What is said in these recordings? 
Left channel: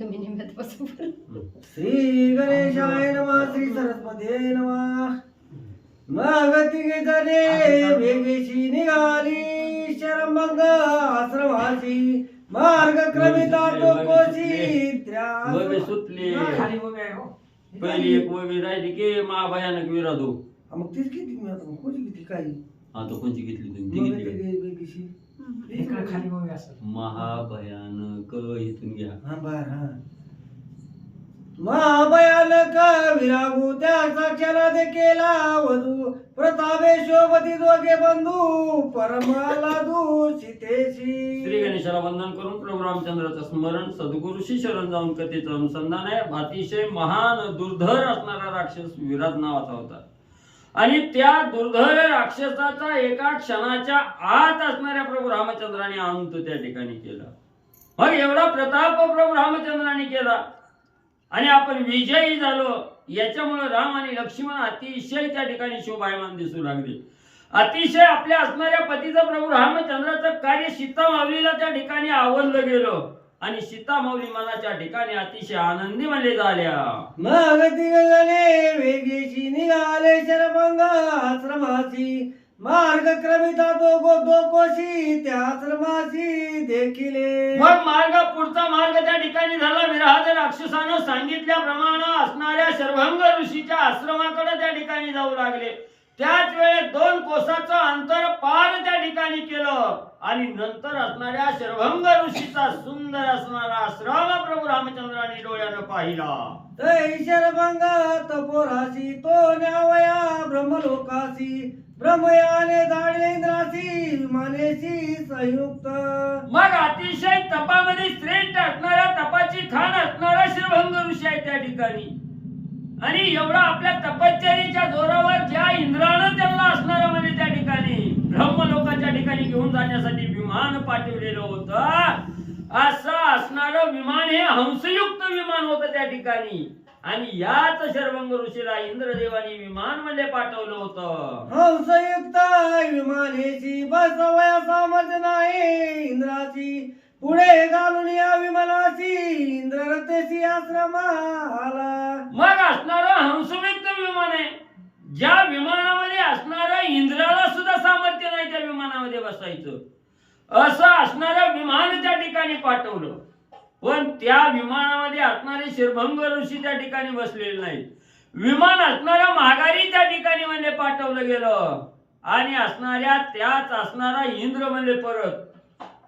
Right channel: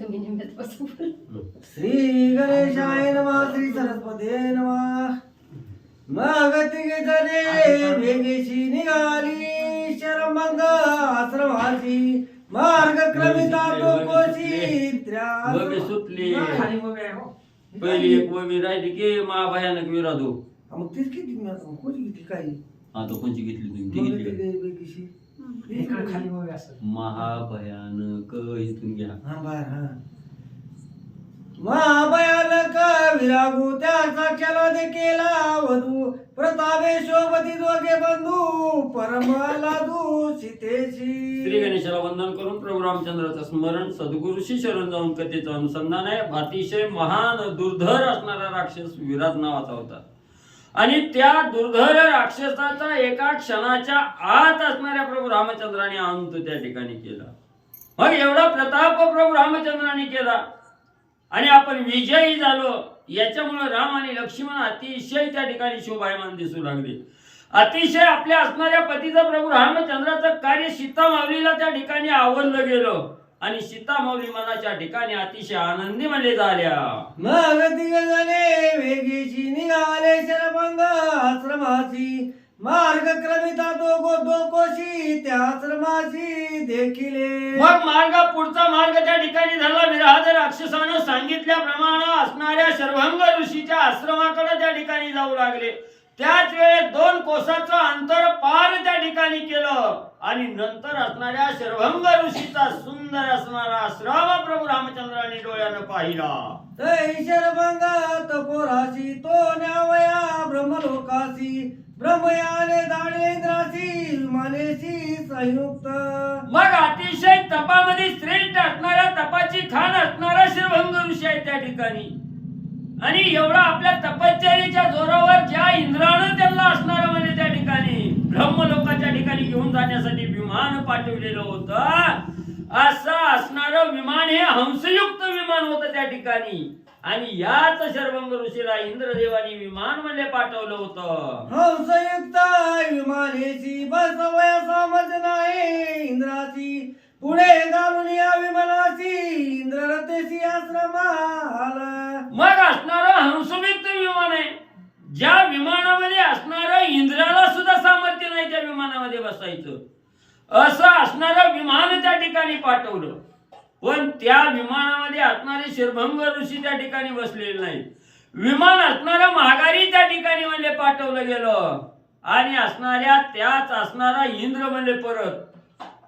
तुम्ही निमित्त बसून श्री गणेशाय नमः श्री सरस्वती नमः मग तिघे जणे वेगेशी निघाली शरमंग आश्रमाची मार्गक्रमिता टोकोशी वबी सुटली पहिली एक वबी राहिली की महाभयानक विराधो. मग तीच किती कोणी किती काही आता कोणची घेतली तुम्ही? ती घेतली का? वेगेशी खाली वगैरे असं महाभयानक इथून घ्या. हा बर हा महाभयानक विरागू त्या साक्षाला दे केला वधू प्रतापे शोभती दोघे बंधू परमालादू सीतेशी. श्री गणेशाला वंदन करून प्रभू रामचंद्राचं स्मरण सद्गुरूशी शरण जाऊन कथेचं अनुसंधान आहे. अतिशय महान दुर्धर असणारा राक्षस विराट नावाचा होता आणि त्या दुर्धर राक्षसाचा एका क्षणाच्या आत असणाऱ्या प्रभू रामचंद्राने अंत त्या ठिकाणी केला. मग एवढा प्रताप प्रभू रामचंद्राने केला आणि आपण विजयी झालो. याच्यामुळे राम आणि लक्ष्मण अतिशय त्या ठिकाणी शोभायमान दिसू लागले. अतिशय आपल्या असणाऱ्या पतीचं प्रभू रामचंद्राचं कार्य सीतामाऊलीला त्या ठिकाणी आवडलं गेलं आणि सीतामाऊली मनाच्या ठिकाणी अतिशय आनंदी म्हणले झाल्या. मग तिघजणे वेगेशी निघाले शरभंग आश्रमाची मार्गक्रमिता दोकोशी त्या आश्रमाशी देखिले. मग पुढचा मार्ग त्या ठिकाणी झाला. विराध राक्षसानं सांगितल्याप्रमाणे असणाऱ्या शर्भंग ऋषीच्या आश्रमाकडे त्या ठिकाणी जाऊ लागले. त्याच वेळेस 2 कोसाचं अंतर पार त्या ठिकाणी केलं आणि नंतर असणाऱ्या शर्भंग ऋषीचा सुंदर असणारा आश्रम प्रभू रामचंद्रांनी डोळ्यानं पाहिला. तै शरभंग तपोराशी तो न्यावया ब्रह्मलोकाशी ब्रह्मयाने दाडले इंद्राशी विमानेशी संयुक्त. मग अतिशय तपामध्ये श्रेष्ठ असणाऱ्या तपाची खान असणारा शर्भंग ऋषी आहे त्या ठिकाणी आणि एवढा आपल्या तपश्चर्येच्या जोरावर ज्या इंद्रानं त्यांना असणारं म्हणजे त्या ठिकाणी ब्रह्मलोकाच्या ठिकाणी घेऊन जाण्यासाठी विमान पाठवलेलं होतं. असं असणारं विमान हे हंसयुक्त विमान होतं त्या ठिकाणी आणि याच शर्भंग ऋषीला इंद्रदेवानी विमान मध्ये पाठवलं होतं. हंसयुक्त विमानेशी बसवया सामर्थ्य नाही इंद्राची पुढे घालून या विमानाशी इंद्ररथेशी आश्रमाला. मग असणारं हंसयुक्त विमान आहे. ज्या विमानामध्ये असणारं इंद्राला सुद्धा सामर्थ्य नाही त्या विमानामध्ये बसायचं. असं असणारं विमान त्या ठिकाणी पाठवलं पण त्या विमानामध्ये असणारे शर्भंग ऋषी त्या ठिकाणी बसलेले नाहीत. विमान असणारा माघारी त्या ठिकाणी म्हणजे पाठवलं गेलं आणि असणाऱ्या त्याच असणारा इंद्र म्हणजे परत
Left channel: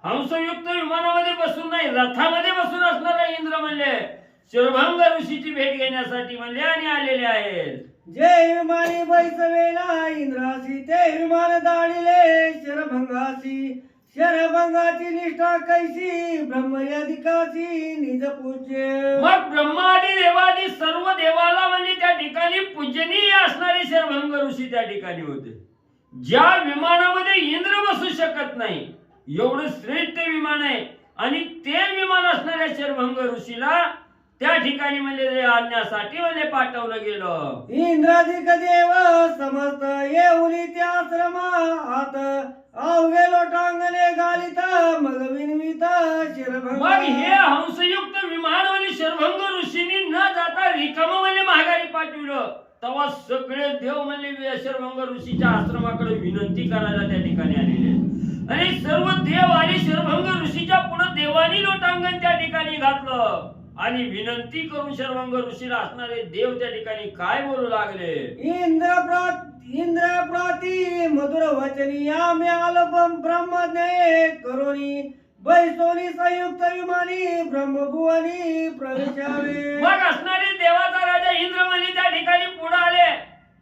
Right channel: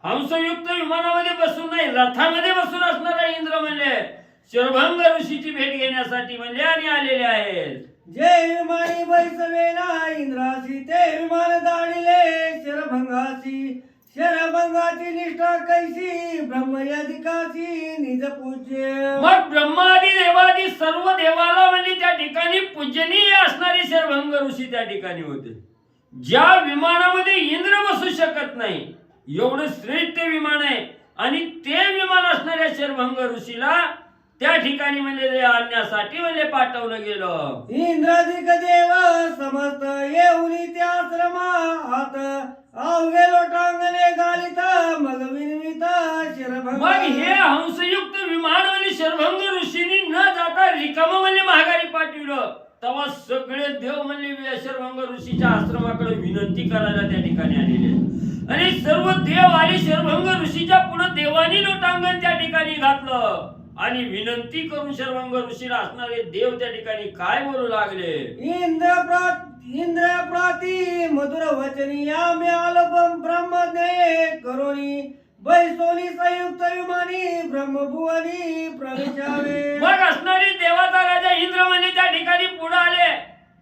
हंसयुक्त विमानामध्ये बसून नाही रथामध्ये बसून असणारा इंद्र म्हणजे शर्भंग ऋषीची भेट घेण्यासाठी म्हणजे आणि आलेले आहेत. जे विमानी बैसवेला इंद्राशी ते विमान दाडिले शरभंगाशी शरभंगाची निष्ठा कैसी ब्रह्मयादिकाशी निज पूज्य. मग ब्रह्मादी देवादी सर्व देवाला म्हणजे त्या ठिकाणी पूजनीय असणारे शर्भंग ऋषी त्या ठिकाणी होते. ज्या विमानामध्ये इंद्र बसू शकत नाही एवढं श्रेष्ठ विमान आहे आणि ते विमान असणाऱ्या शर्भंग ऋषीला त्या ठिकाणी म्हणजे आणण्यासाठी म्हणजे पाठवलं गेलं. इंद्राधिक देव समस्त येऊन त्या आश्रमात अवघे लोटांगणे गालित मग विनवित शरभंग. मग हे हंसयुक्त विमान म्हणजे शर्भंग ऋषींनी न जाता रिकाम म्हणजे माघारी पाठवलं. तेव्हा सगळे देव म्हणजे शर्भंग ऋषीच्या आश्रमाकडे विनंती करायला त्या ठिकाणी आलेले आणि सर्व देव आणि शर्भंग ऋषीच्या पुढे देवानी लोटांगण त्या ठिकाणी घातलं आणि विनंती करून शर्भंग ऋषीला असणारे देव त्या ठिकाणी काय बोलू लागले. इंद्र प्राती मधुर वचनी आम्ही आलोपम ब्रह्मज्ञ करोनी बैसोनी संयुक्त विमानी ब्रह्मभुवनी प्रवेशावे. मग असणारे देवाचा राजा इंद्र म्हणजे त्या ठिकाणी पुढे आले.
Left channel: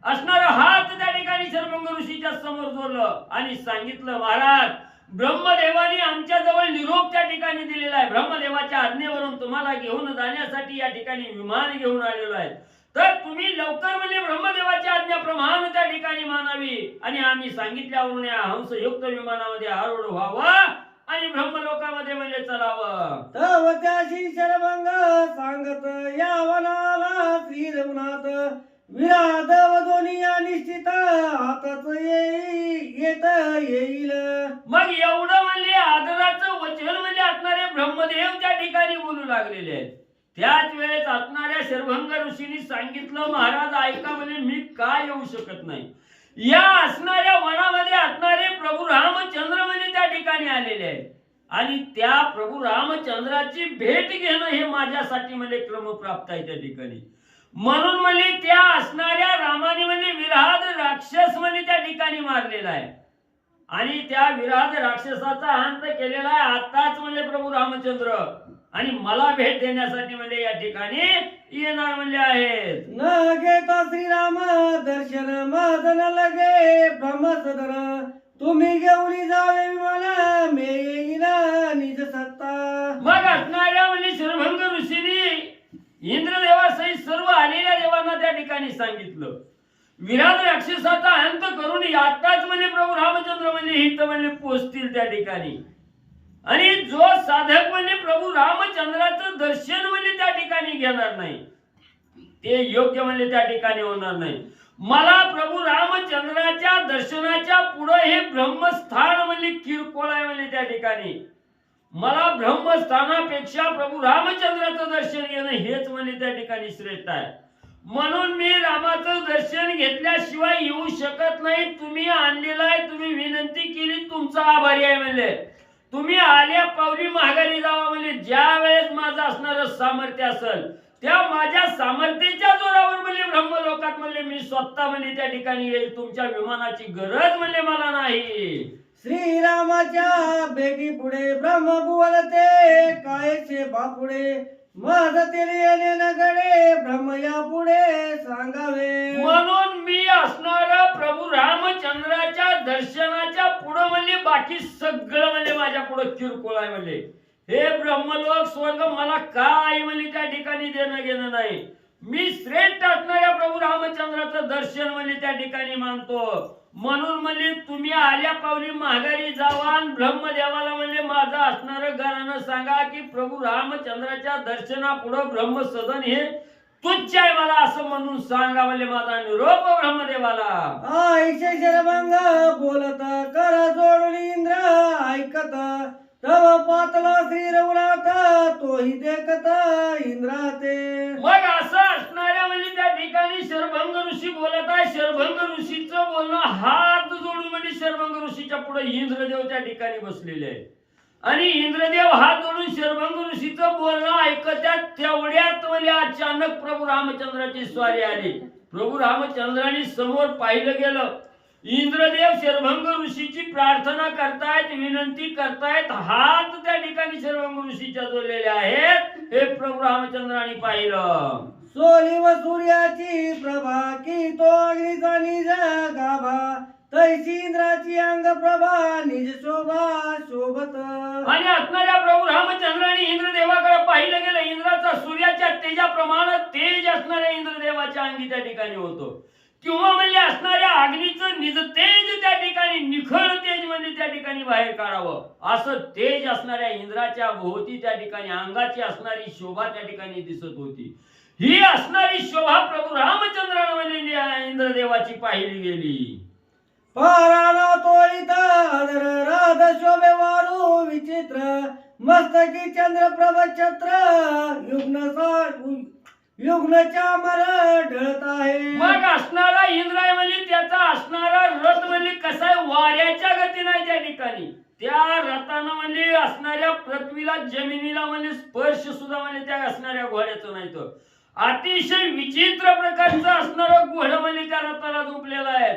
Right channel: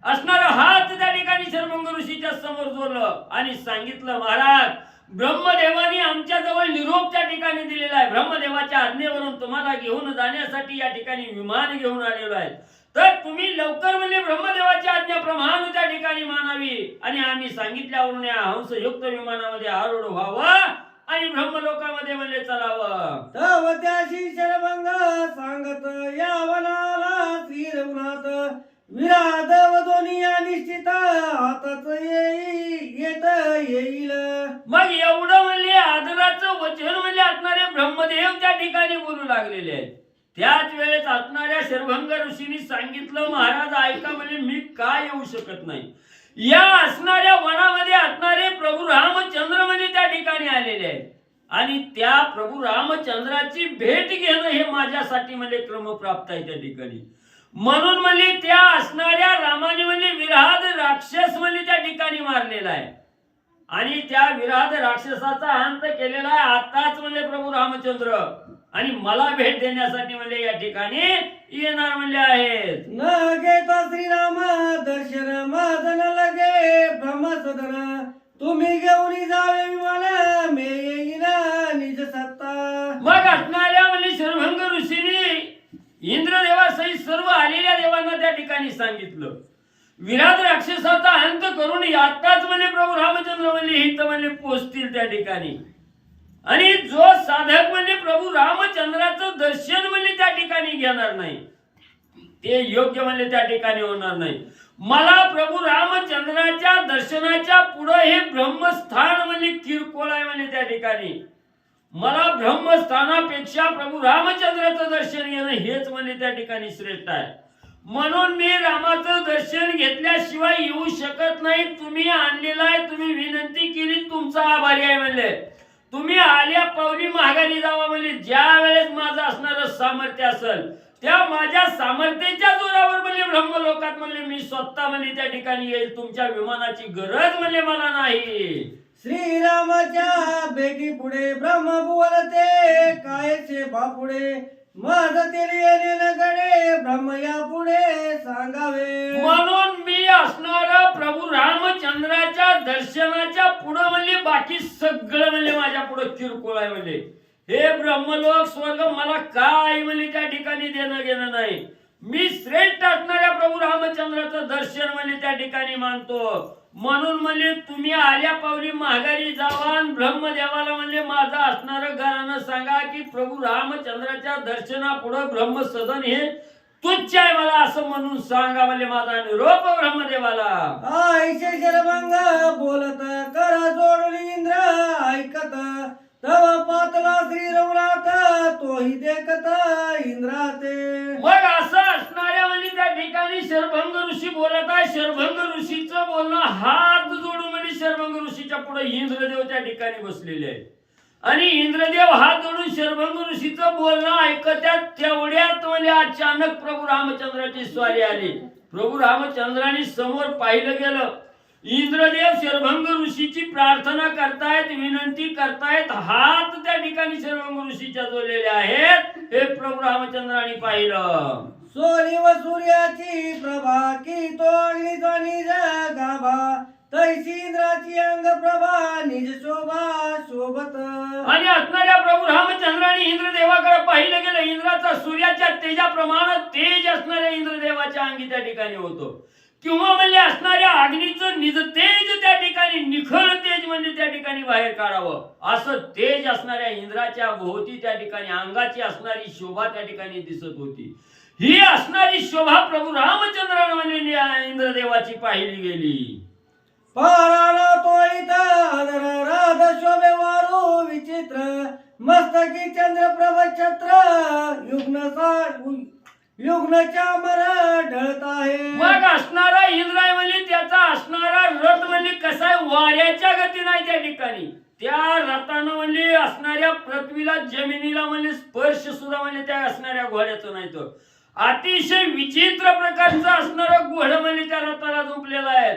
असणारा हात त्या ठिकाणी शर्भंग ऋषीच्या समोर जोडलं आणि सांगितलं महाराज ब्रह्मदेवानी आमच्या जवळ निरोप त्या ठिकाणी दिलेला आहे. ब्रह्मदेवाच्या आज्ञेवरून तुम्हाला घेऊन जाण्यासाठी या ठिकाणी विमान घेऊन आलेलो आहे. तर तुम्ही लवकर म्हणजे ब्रह्मदेवाची आज्ञाप्रमाणे त्या ठिकाणी मानावी आणि आम्ही सांगितल्यावरून या हंसयुक्त विमानामध्ये आरूढ व्हावं आणि ब्रह्मलोकामध्ये म्हणजे चलावं. तव त्याशी शरभंग सांगत या वनाला श्री रघुनाथ विराध व दोन्ही निश्चित हातच येत येईल. मग एवढं म्हणले आदराचं वचन म्हणजे असणारे ब्रह्मदेव त्या ठिकाणी बोलू लागलेले आहेत. त्याच वेळेस असणाऱ्या शरभंग ऋषींनी सांगितलं, महाराज ऐका, म्हणजे मी का येऊ शकत नाही. या असणाऱ्या वनामध्ये असणारे प्रभू रामचंद्र म्हणजे त्या ठिकाणी आलेले आहेत आणि त्या प्रभू रामचंद्राची भेट घेणं हे माझ्यासाठी म्हणजे क्रमप्राप्त आहे त्या ठिकाणी. म्हणून म्हणजे त्या असणाऱ्या रामाने म्हणजे विराध राक्षस म्हणजे त्या ठिकाणी मारलेला आहे आणि त्या विराध राक्षसाचा अंत केलेला आहे आताच म्हणजे प्रभू रामचंद्र आणि मला भेट देण्यासाठी म्हणजे या ठिकाणी येणार म्हणजे आहेत. न घेता श्रीराम दर्शन मदन लगे ब्रह्मसदन तुम्ही घेऊन जावे मला मे येईन निज सत्ता. मग असणाऱ्या म्हणजे शरभंग ऋषींनी इंद्रदेवासहित सर्व आलेल्या देवांना त्या ठिकाणी सांगितलं, विराट राक्षसाचा अंत करून आताच म्हणजे प्रभू रामचंद्र म्हणजे हित म्हणजे पोचतील त्या ठिकाणी आणि जो साधक म्हणजे प्रभू रामचंद्राचं दर्शन म्हणजे त्या ठिकाणी घेणार नाही ते योग्य म्हणजे त्या ठिकाणी होणार नाही. मला प्रभू रामचंद्राच्या दर्शनाच्या पुढे हे ब्रह्मस्थान म्हणजे किरकोळ आहे म्हणजे त्या ठिकाणी मला ब्रह्मस्थानापेक्षा प्रभू रामचंद्राचं दर्शन घेणं हेच म्हणजे त्या ठिकाणी श्रेष्ठ आहे. म्हणून मी रामाचं दर्शन घेतल्याशिवाय येऊ शकत नाही. तुम्ही आणलेला आहे, तुम्ही विनंती केली, तुमचा आभारी आहे म्हणजे तुम्ही आल्या पावली माघारी जावा म्हणजे ज्या वेळेस माझं असणारं सामर्थ्य असेल त्या माझ्या सामर्थ्याच्या जोरावर म्हणजे ब्रह्मलोकात म्हणजे मी स्वतः म्हणजे त्या ठिकाणी येईल. तुमच्या विमानाची गरज म्हणजे मला नाही. श्रीरामाच्या बेटी पुढे ब्रह्म बोलते कायचे बापुढे माझ तेरे येणे नगडे ब्रह्म या पुढे सांगावे. म्हणून मी असणारा प्रभू रामचंद्राच्या दर्शनाच्या पुढे म्हणजे बाकी सगळं म्हणजे माझ्या पुढे किरकोळ आहे म्हणजे हे ब्रह्मलोक स्वर्ग मला काय म्हणजे त्या ठिकाणी देणं घेणं नाही. मी श्रेष्ठ असणाऱ्या प्रभू रामचंद्राचं दर्शन म्हणजे त्या ठिकाणी मानतो. म्हणून म्हणजे तुम्ही आल्या पावली माघारी जावा आणि ब्रह्मदेवाला म्हणजे माझं असणारं घरानं सांगा की प्रभू रामचंद्राच्या दर्शनापुढं ब्रह्मसदन हे तुच्छ आहे मला असं म्हणून सांगा म्हणजे माझा निरोप ब्रह्मदेवाला. आईचे शरभंग बोलत करा जोडून इंद्र ऐकत तव पातला श्री रघुनाथ तोही देखत इंद्राते. मग असं असणाऱ्या म्हणजे त्या ठिकाणी शरभंग ऋषी बोलत आहे. शरभंग ऋषीचं बोलणं हात जोडून म्हणजे शरभंग ऋषीच्या पुढे इंद्रदेव त्या ठिकाणी बसलेले आहेत आणि इंद्रदेव हात जोडून शरभंग ऋषीचं बोलणं ऐकत्यात. तेवढ्यात म्हणजे अचानक प्रभू रामचंद्राची स्वारी आली. प्रभू रामचंद्राने समोर पाहिलं गेलं. इंद्रदेव शरभंग ऋषीची प्रार्थना करतायत, विनंती करतायत. हात त्या ठिकाणी शरभंग ऋषीच्या जोडलेले आहेत. हे प्रभू रामचंद्राने पाहिलं. सोनी व सूर्याची प्रभा की तो अग्नीचा निज गाभा तैसी इंद्राची अंग प्रभा निज शोभा शोभत. आणि असणाऱ्या प्रभू रामचंद्राने इंद्रदेवाकडे पाहिलं गेलं. इंद्राचा सूर्याच्या तेजाप्रमाणे तेज असणाऱ्या इंद्रदेवाच्या अंगी त्या ठिकाणी होतं किंवा म्हणजे असणाऱ्या अग्नीचं निज तेज त्या ठिकाणी निखळ तेज म्हणजे त्या ठिकाणी बाहेर काढावं असं तेज असणाऱ्या इंद्राच्या भोवती त्या ठिकाणी अंगाची असणारी शोभा त्या ठिकाणी दिसत होती. ही असणारी शोभा प्रभू रामचंद्राने म्हणजे इंद्रदेवाची पाहिली गेली. पाराला तो इथं राध शोभे वारू विचित्र मस्तकी चंद्रप्रभ छत्र युग्नच्या मर ढळत आहे. मग असणारा इंद्र म्हणजे त्याचा असणारा रथ म्हणजे कसा आहे वाऱ्याच्या गती नाही त्या ठिकाणी. त्या रथानं म्हणजे असणाऱ्या पृथ्वीला जमिनीला म्हणजे स्पर्श सुद्धा म्हणजे त्या असणाऱ्या घोड्याचं नाही. तर अतिशय विचित्र प्रकारचा असणारा घोडा म्हणजे त्या रथाला झोपलेला आहे.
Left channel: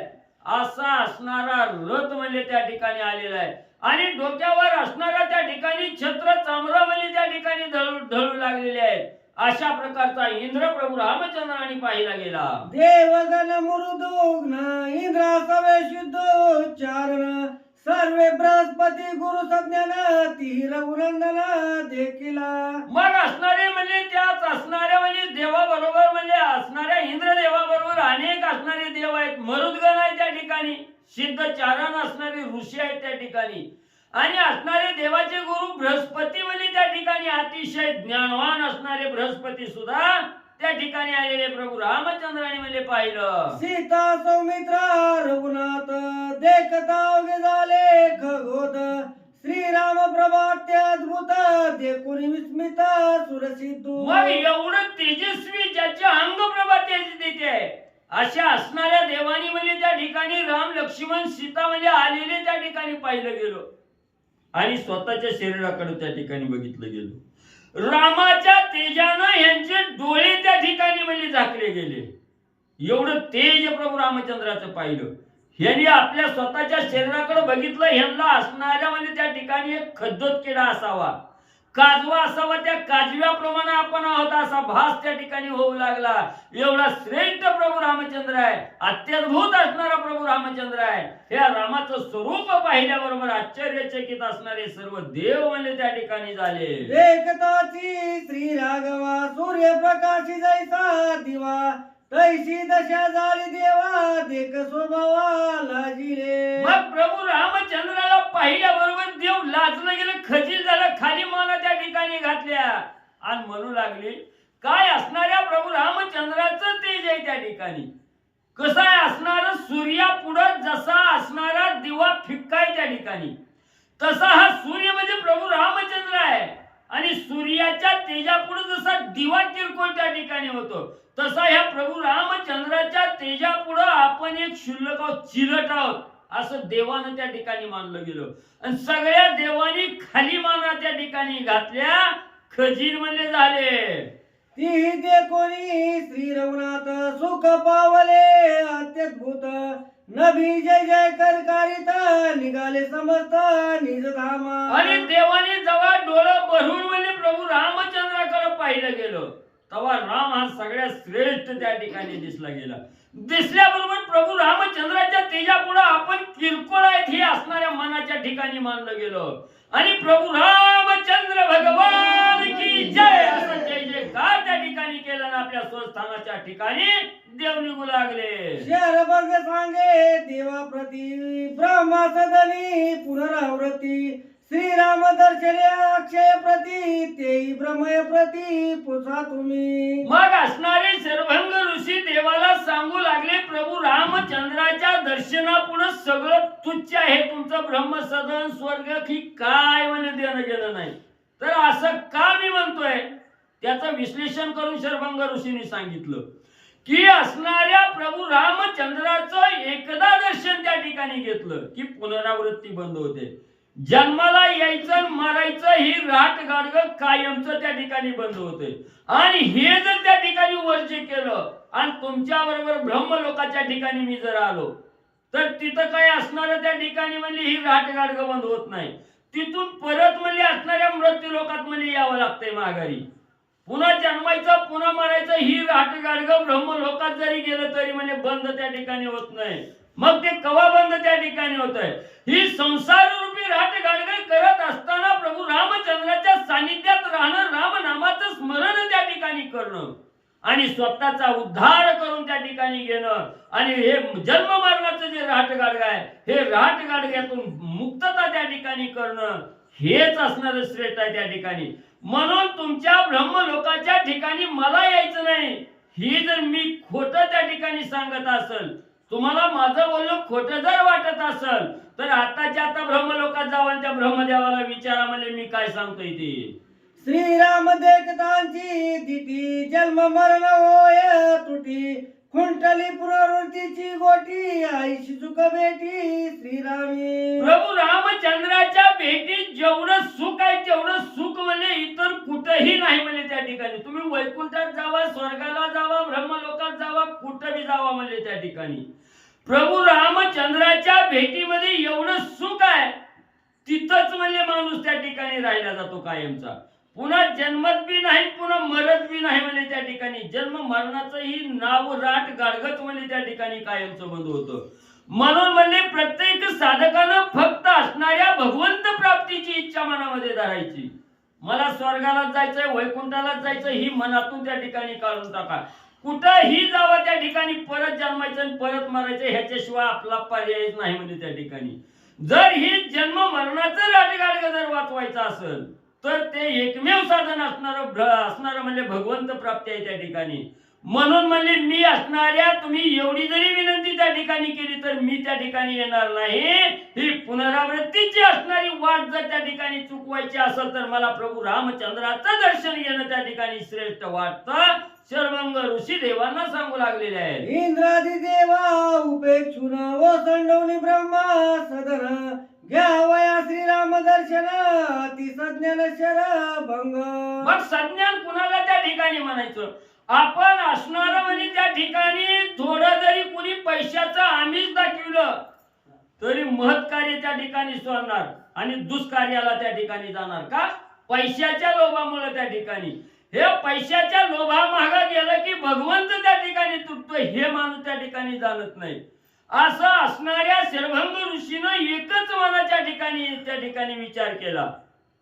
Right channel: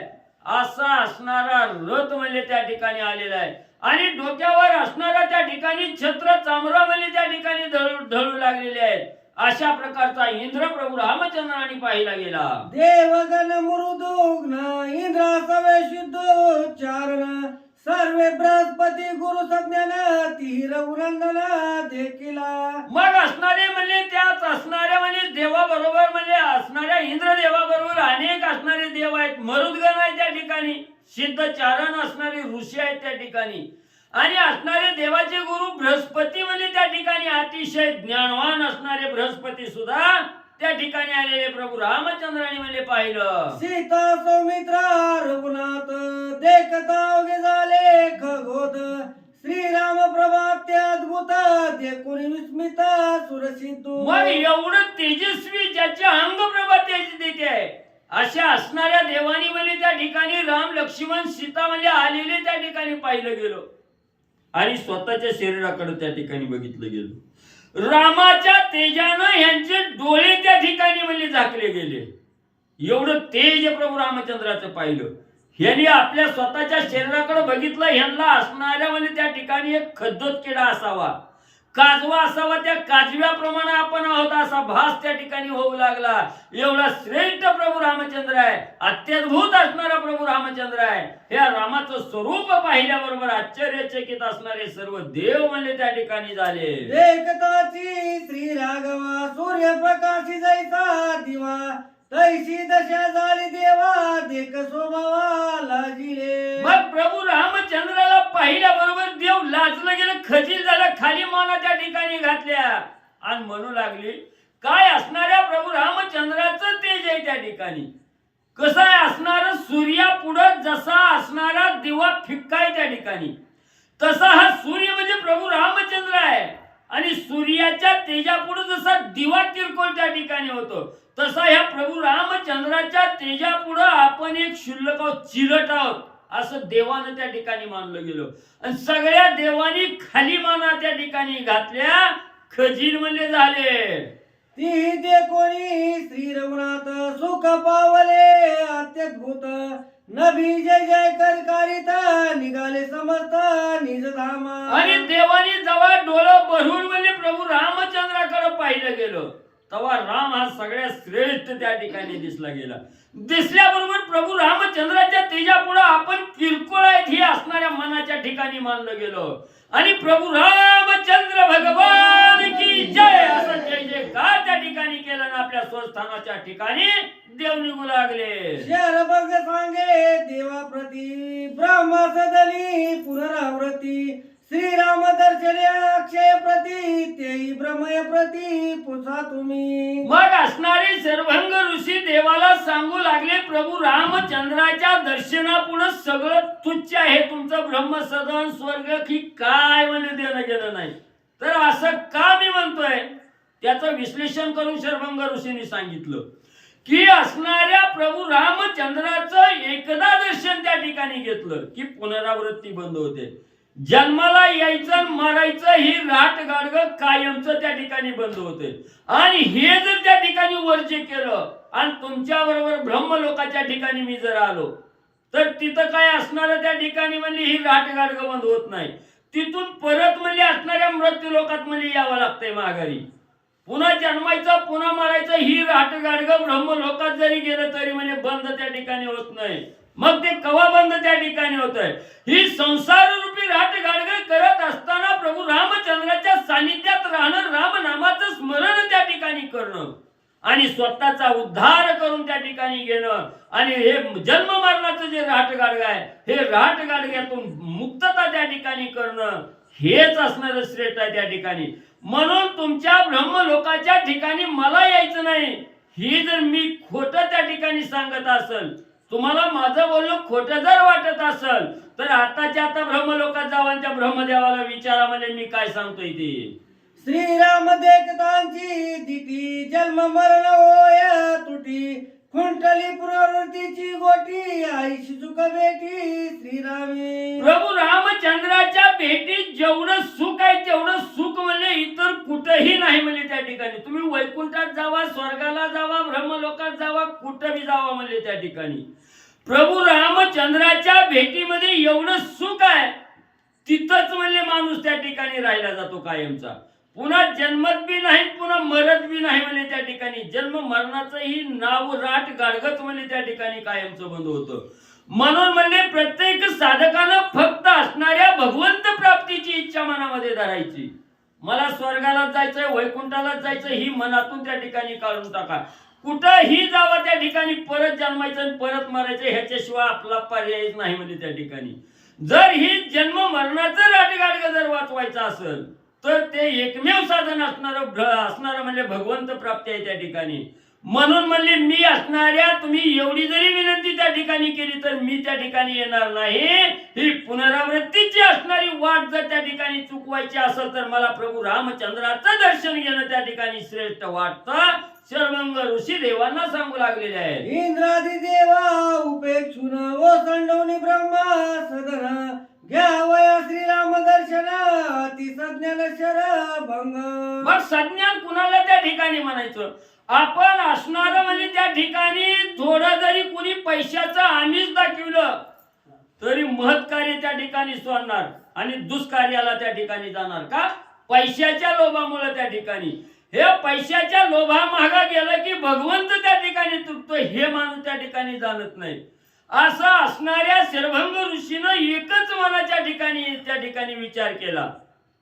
असा असणारा रथ म्हणजे त्या ठिकाणी आलेला आहे आणि डोक्यावर असणारा त्या ठिकाणी छत्र चामरा म्हणजे त्या ठिकाणी ढळू लागलेले आहेत. अशा प्रकारचा इंद्र प्रभू रामचंद्राने पाहिला गेला. देवगण मृदुग्न इंद्र सवे शुद्धोच्चारण सर्वे बृहस्पती गुरु संज्ञान ती रघुनंदन देखिला. मग असणारे म्हणजे त्यात असणाऱ्या म्हणजे देवाबरोबर म्हणजे असणाऱ्या इंद्र देवाबरोबर अनेक असणारे देव आहेत. मरुदगण आहेत त्या ठिकाणी, सिद्धचारण असणारे ऋषी आहेत त्या ठिकाणी आणि असणारे देवाचे गुरु बृहस्पती म्हणजे त्या ठिकाणी अतिशय ज्ञानवान असणारे बृहस्पती सुद्धा त्या ठिकाणी आलेले प्रभू रामचंद्राने म्हणजे पाहिलं. सीता सौमित्रा रघुनाथ देखता उगे झाले खगोद श्रीराम प्रभाते अद्भुत ते कोणी विस्मित सुरसिद्धू. मग एवढं तेजस्वी ज्याच्या अंगप्रभा तेज देते आहे अशा असणाऱ्या देवानी म्हणजे त्या ठिकाणी राम लक्ष्मण सीता म्हणजे आलेले त्या ठिकाणी पाहिलं गेलो आणि स्वतःच्या शरीराकडे त्या ठिकाणी बघितलं गेलं. रामाच्या तेजानं यांचे डोळे त्या ठिकाणी म्हणजे झाकले गेले. एवढं तेज प्रभू रामचंद्राचं पाहिलं. यांनी आपल्या स्वतःच्या शरीराकडे बघितलं. ह्यांना असणाऱ्या म्हणजे त्या ठिकाणी एक खद्दोत किडा असावा, काजवा असावा, त्या काजव्याप्रमाणे आपण आहोत असा भास त्या ठिकाणी होऊ लागला. एवढा श्रेष्ठ प्रभू रामचंद्र आहे, अत्यद्भुत असणारा प्रभू रामचंद्र आहे. या रामाचं स्वरूप पाहिल्याबरोबर आश्चर्यचकित असणारे सर्व देव म्हणजे त्या ठिकाणी झाले. देखताची श्री राघवा सूर्यप्रकाशी जैसा दिवा तैशी दशा झाली देवा देख स्वभावा लाजिले. मग प्रभू रामचंद्राला पाहिल्याबरोबर देव लाजलं गेलं, खजील झाला, खाली माना त्या ठिकाणी घातल्या आणि म्हणू लागली काय असणाऱ्या प्रभू रामचंद्राचं तेज आहे त्या ठिकाणी. कसं आहे असणार सूर्यापुढं जसा असणारा दिवा फिक्का आहे त्या ठिकाणी, तसा हा सूर्य म्हणजे प्रभू रामचंद्र आहे. आणि सूर्याच्या तेजापुढे जसा दिवा किरकोळ त्या ठिकाणी होतो तसा ह्या प्रभू रामचंद्राच्या तेजापुढे आपण एक क्षुल्लक आहोत, चिरट आहोत असं देवानं त्या ठिकाणी मानलं गेलं. आणि सगळ्या देवानी खाली माना त्या ठिकाणी घातल्या, खजील म्हणजे झाले. ती दे कोणी श्री रघुनाथ सुख पावले अत्यद्भुत नभी जय जय करकारित निघाले समस्त निज धामा. आणि देवानी जेव्हा डोळं भरून म्हणजे प्रभू रामचंद्राकडे पाहिलं गेलं तेव्हा राम हा सगळ्यात श्रेष्ठ त्या ठिकाणी दिसला गेला. दिसल्याबरोबर प्रभू रामचंद्राच्या तेजापुढे आपण किरकोळ आहेत हे असणाऱ्या मनाच्या ठिकाणी मानलं गेलं. आणि प्रभू रामचंद्र भगवान की जय असं जय जयकार त्या ठिकाणी केलं ना आपल्या स्वस्थानाच्या ठिकाणी देव निघू लागले. शर बघ सांगे देवा प्रती ब्रह्मा सदनी पुनरावृत्ती श्रीराम दर्शने अक्षय प्रती तेही ब्रह्मय प्रती पुसा तुम्ही. मग असणारे सर्वंग ऋषी देवाला सांगू लागले प्रभू रामचंद्राच्या दर्शनापुढे सगळं तुच्छ आहे, तुमचं ब्रह्मसदन स्वर्ग की काय म्हणजे देणं गेलं नाही. तर असं का मी म्हणतोय त्याचं विश्लेषण करून सर्वंग ऋषींनी सांगितलं की असणाऱ्या प्रभू रामचंद्राचं एकदा दर्शन त्या ठिकाणी घेतलं की पुनरावृत्ती बंद होते. जन्माला यायचं मरायचं ही राट गाडग कायमचं त्या ठिकाणी बंद होते. आणि हे जर त्या ठिकाणी वर्ज्य केलं आणि तुमच्या बरोबर ब्रह्मलोकाच्या ठिकाणी मी जर आलो तर तिथं काय असणार त्या ठिकाणी म्हणजे ही राट गाडग बंद होत नाही. तिथून परत म्हणजे असणाऱ्या मृत्यू लोकात म्हणजे यावं लागतंय माघारी. पुन्हा जन्मायचं पुन्हा मरायचं ही राट गाडग ब्रह्मलोकात जरी गेलं तरी म्हणजे बंद त्या ठिकाणी होत नाही. मग ते कवा बंद त्या ठिकाणी होत आहे. ही संसार रूपी राट गाडग करत असताना प्रभू रामचंद्राच्या सानिध्यात राहणं, राम नामाचं स्मरण त्या ठिकाणी करणं आणि स्वतःचा उद्धार करून त्या ठिकाणी घेणं आणि हे जन्म मरणाचं जे राट गाडग आहे हे राट गाडग्यातून मुक्तता त्या ठिकाणी करणं हेच असणार श्रेष्ठ आहे त्या ठिकाणी. म्हणून तुमच्या ब्रह्मलोकाच्या ठिकाणी मला यायचं नाही. ही जर मी खोटं त्या ठिकाणी सांगत असेल, तुम्हाला माझं बोलणं खोटं जर वाटत असेल तर आताच्या आता ब्रह्मलोकात जावा आणि त्या ब्रह्मदेवाला विचारा म्हणजे मी काय सांगतोय ते. श्रीराम देखतांची दिटी जन्म मरण होय तुटी खुंटली पुनरावृत्तीची गोटी आईशी सुख भेटी श्रीरामी. प्रभू रामचंद्राच्या भेटीत जेवढं सुख आहे तेवढं सुख म्हणजे इतर कुठेही नाही म्हणजे त्या ठिकाणी. तुम्ही वैकुंठात जावा, स्वर्गाला जावा, ब्रह्मलोकात जावा, कुठेही जावा म्हणजे त्या ठिकाणी प्रभू रामचंद्राच्या भेटीमध्ये एवढं सुख आहे तिथंच म्हणजे माणूस त्या ठिकाणी राहिला जातो कायमचा. पुन्हा जन्मत बी नाही पुन्हा मरत बी नाही म्हणजे त्या ठिकाणी जन्म मरणाचं ही नाव राट गाडगत म्हणजे त्या ठिकाणी कायमचं बंद होतं. म्हणून म्हणजे प्रत्येक साधकानं फक्त असणाऱ्या भगवंत प्राप्तीची इच्छा मनामध्ये धरायची. मला स्वर्गाला जायचंय, वैकुंठाला जायचं ही मनातून त्या ठिकाणी काढून टाका. कुठंही जावा त्या ठिकाणी परत जन्मायचं आणि परत मारायचं ह्याच्याशिवाय आपला पर्यायच नाही म्हणजे त्या ठिकाणी. जर ही जन्म मरणाचं राटगाडग जर वाचवायचं असेल तर ते एकमेव साधन असणारं म्हणजे भगवंत प्राप्ती आहे त्या ठिकाणी. म्हणून म्हणले मी असणाऱ्या तुम्ही एवढी जरी विनंती त्या ठिकाणी केली तर मी त्या ठिकाणी येणार नाही. ही पुनरावृत्तीची असणारी वाट जर त्या ठिकाणी चुकवायची असेल तर मला प्रभू रामचंद्राचं दर्शन घेणं त्या ठिकाणी श्रेष्ठ वाटतं. शर्वंग ऋषी देवांना सांगू लागलेले आहे. इंद्रादी देवा उपेक्षुन व संडवनी ब्रह्मा सदन घ्यावया श्रीराम दर्शन अति सज्ञान शर भंग. मग सज्ञान कुणाला त्या ठिकाणी म्हणायचं? आपण असणार म्हणजे त्या ठिकाणी थोडं जरी कुणी पैशाचं आमिष दाखवलं तरी महत्कार्य त्या ठिकाणी सोडणार आणि दुष्कार्याला त्या ठिकाणी जाणार का? पैशाच्या लोभामुळे त्या ठिकाणी हे पैशाच्या लोभा मागा गेलं की भगवंत त्या ठिकाणी तुटतो हे माणूस त्या ठिकाणी जाणत नाही. असं असणाऱ्या शर्वंग ऋषीनं एकच मनाच्या ठिकाणी त्या ठिकाणी विचार केला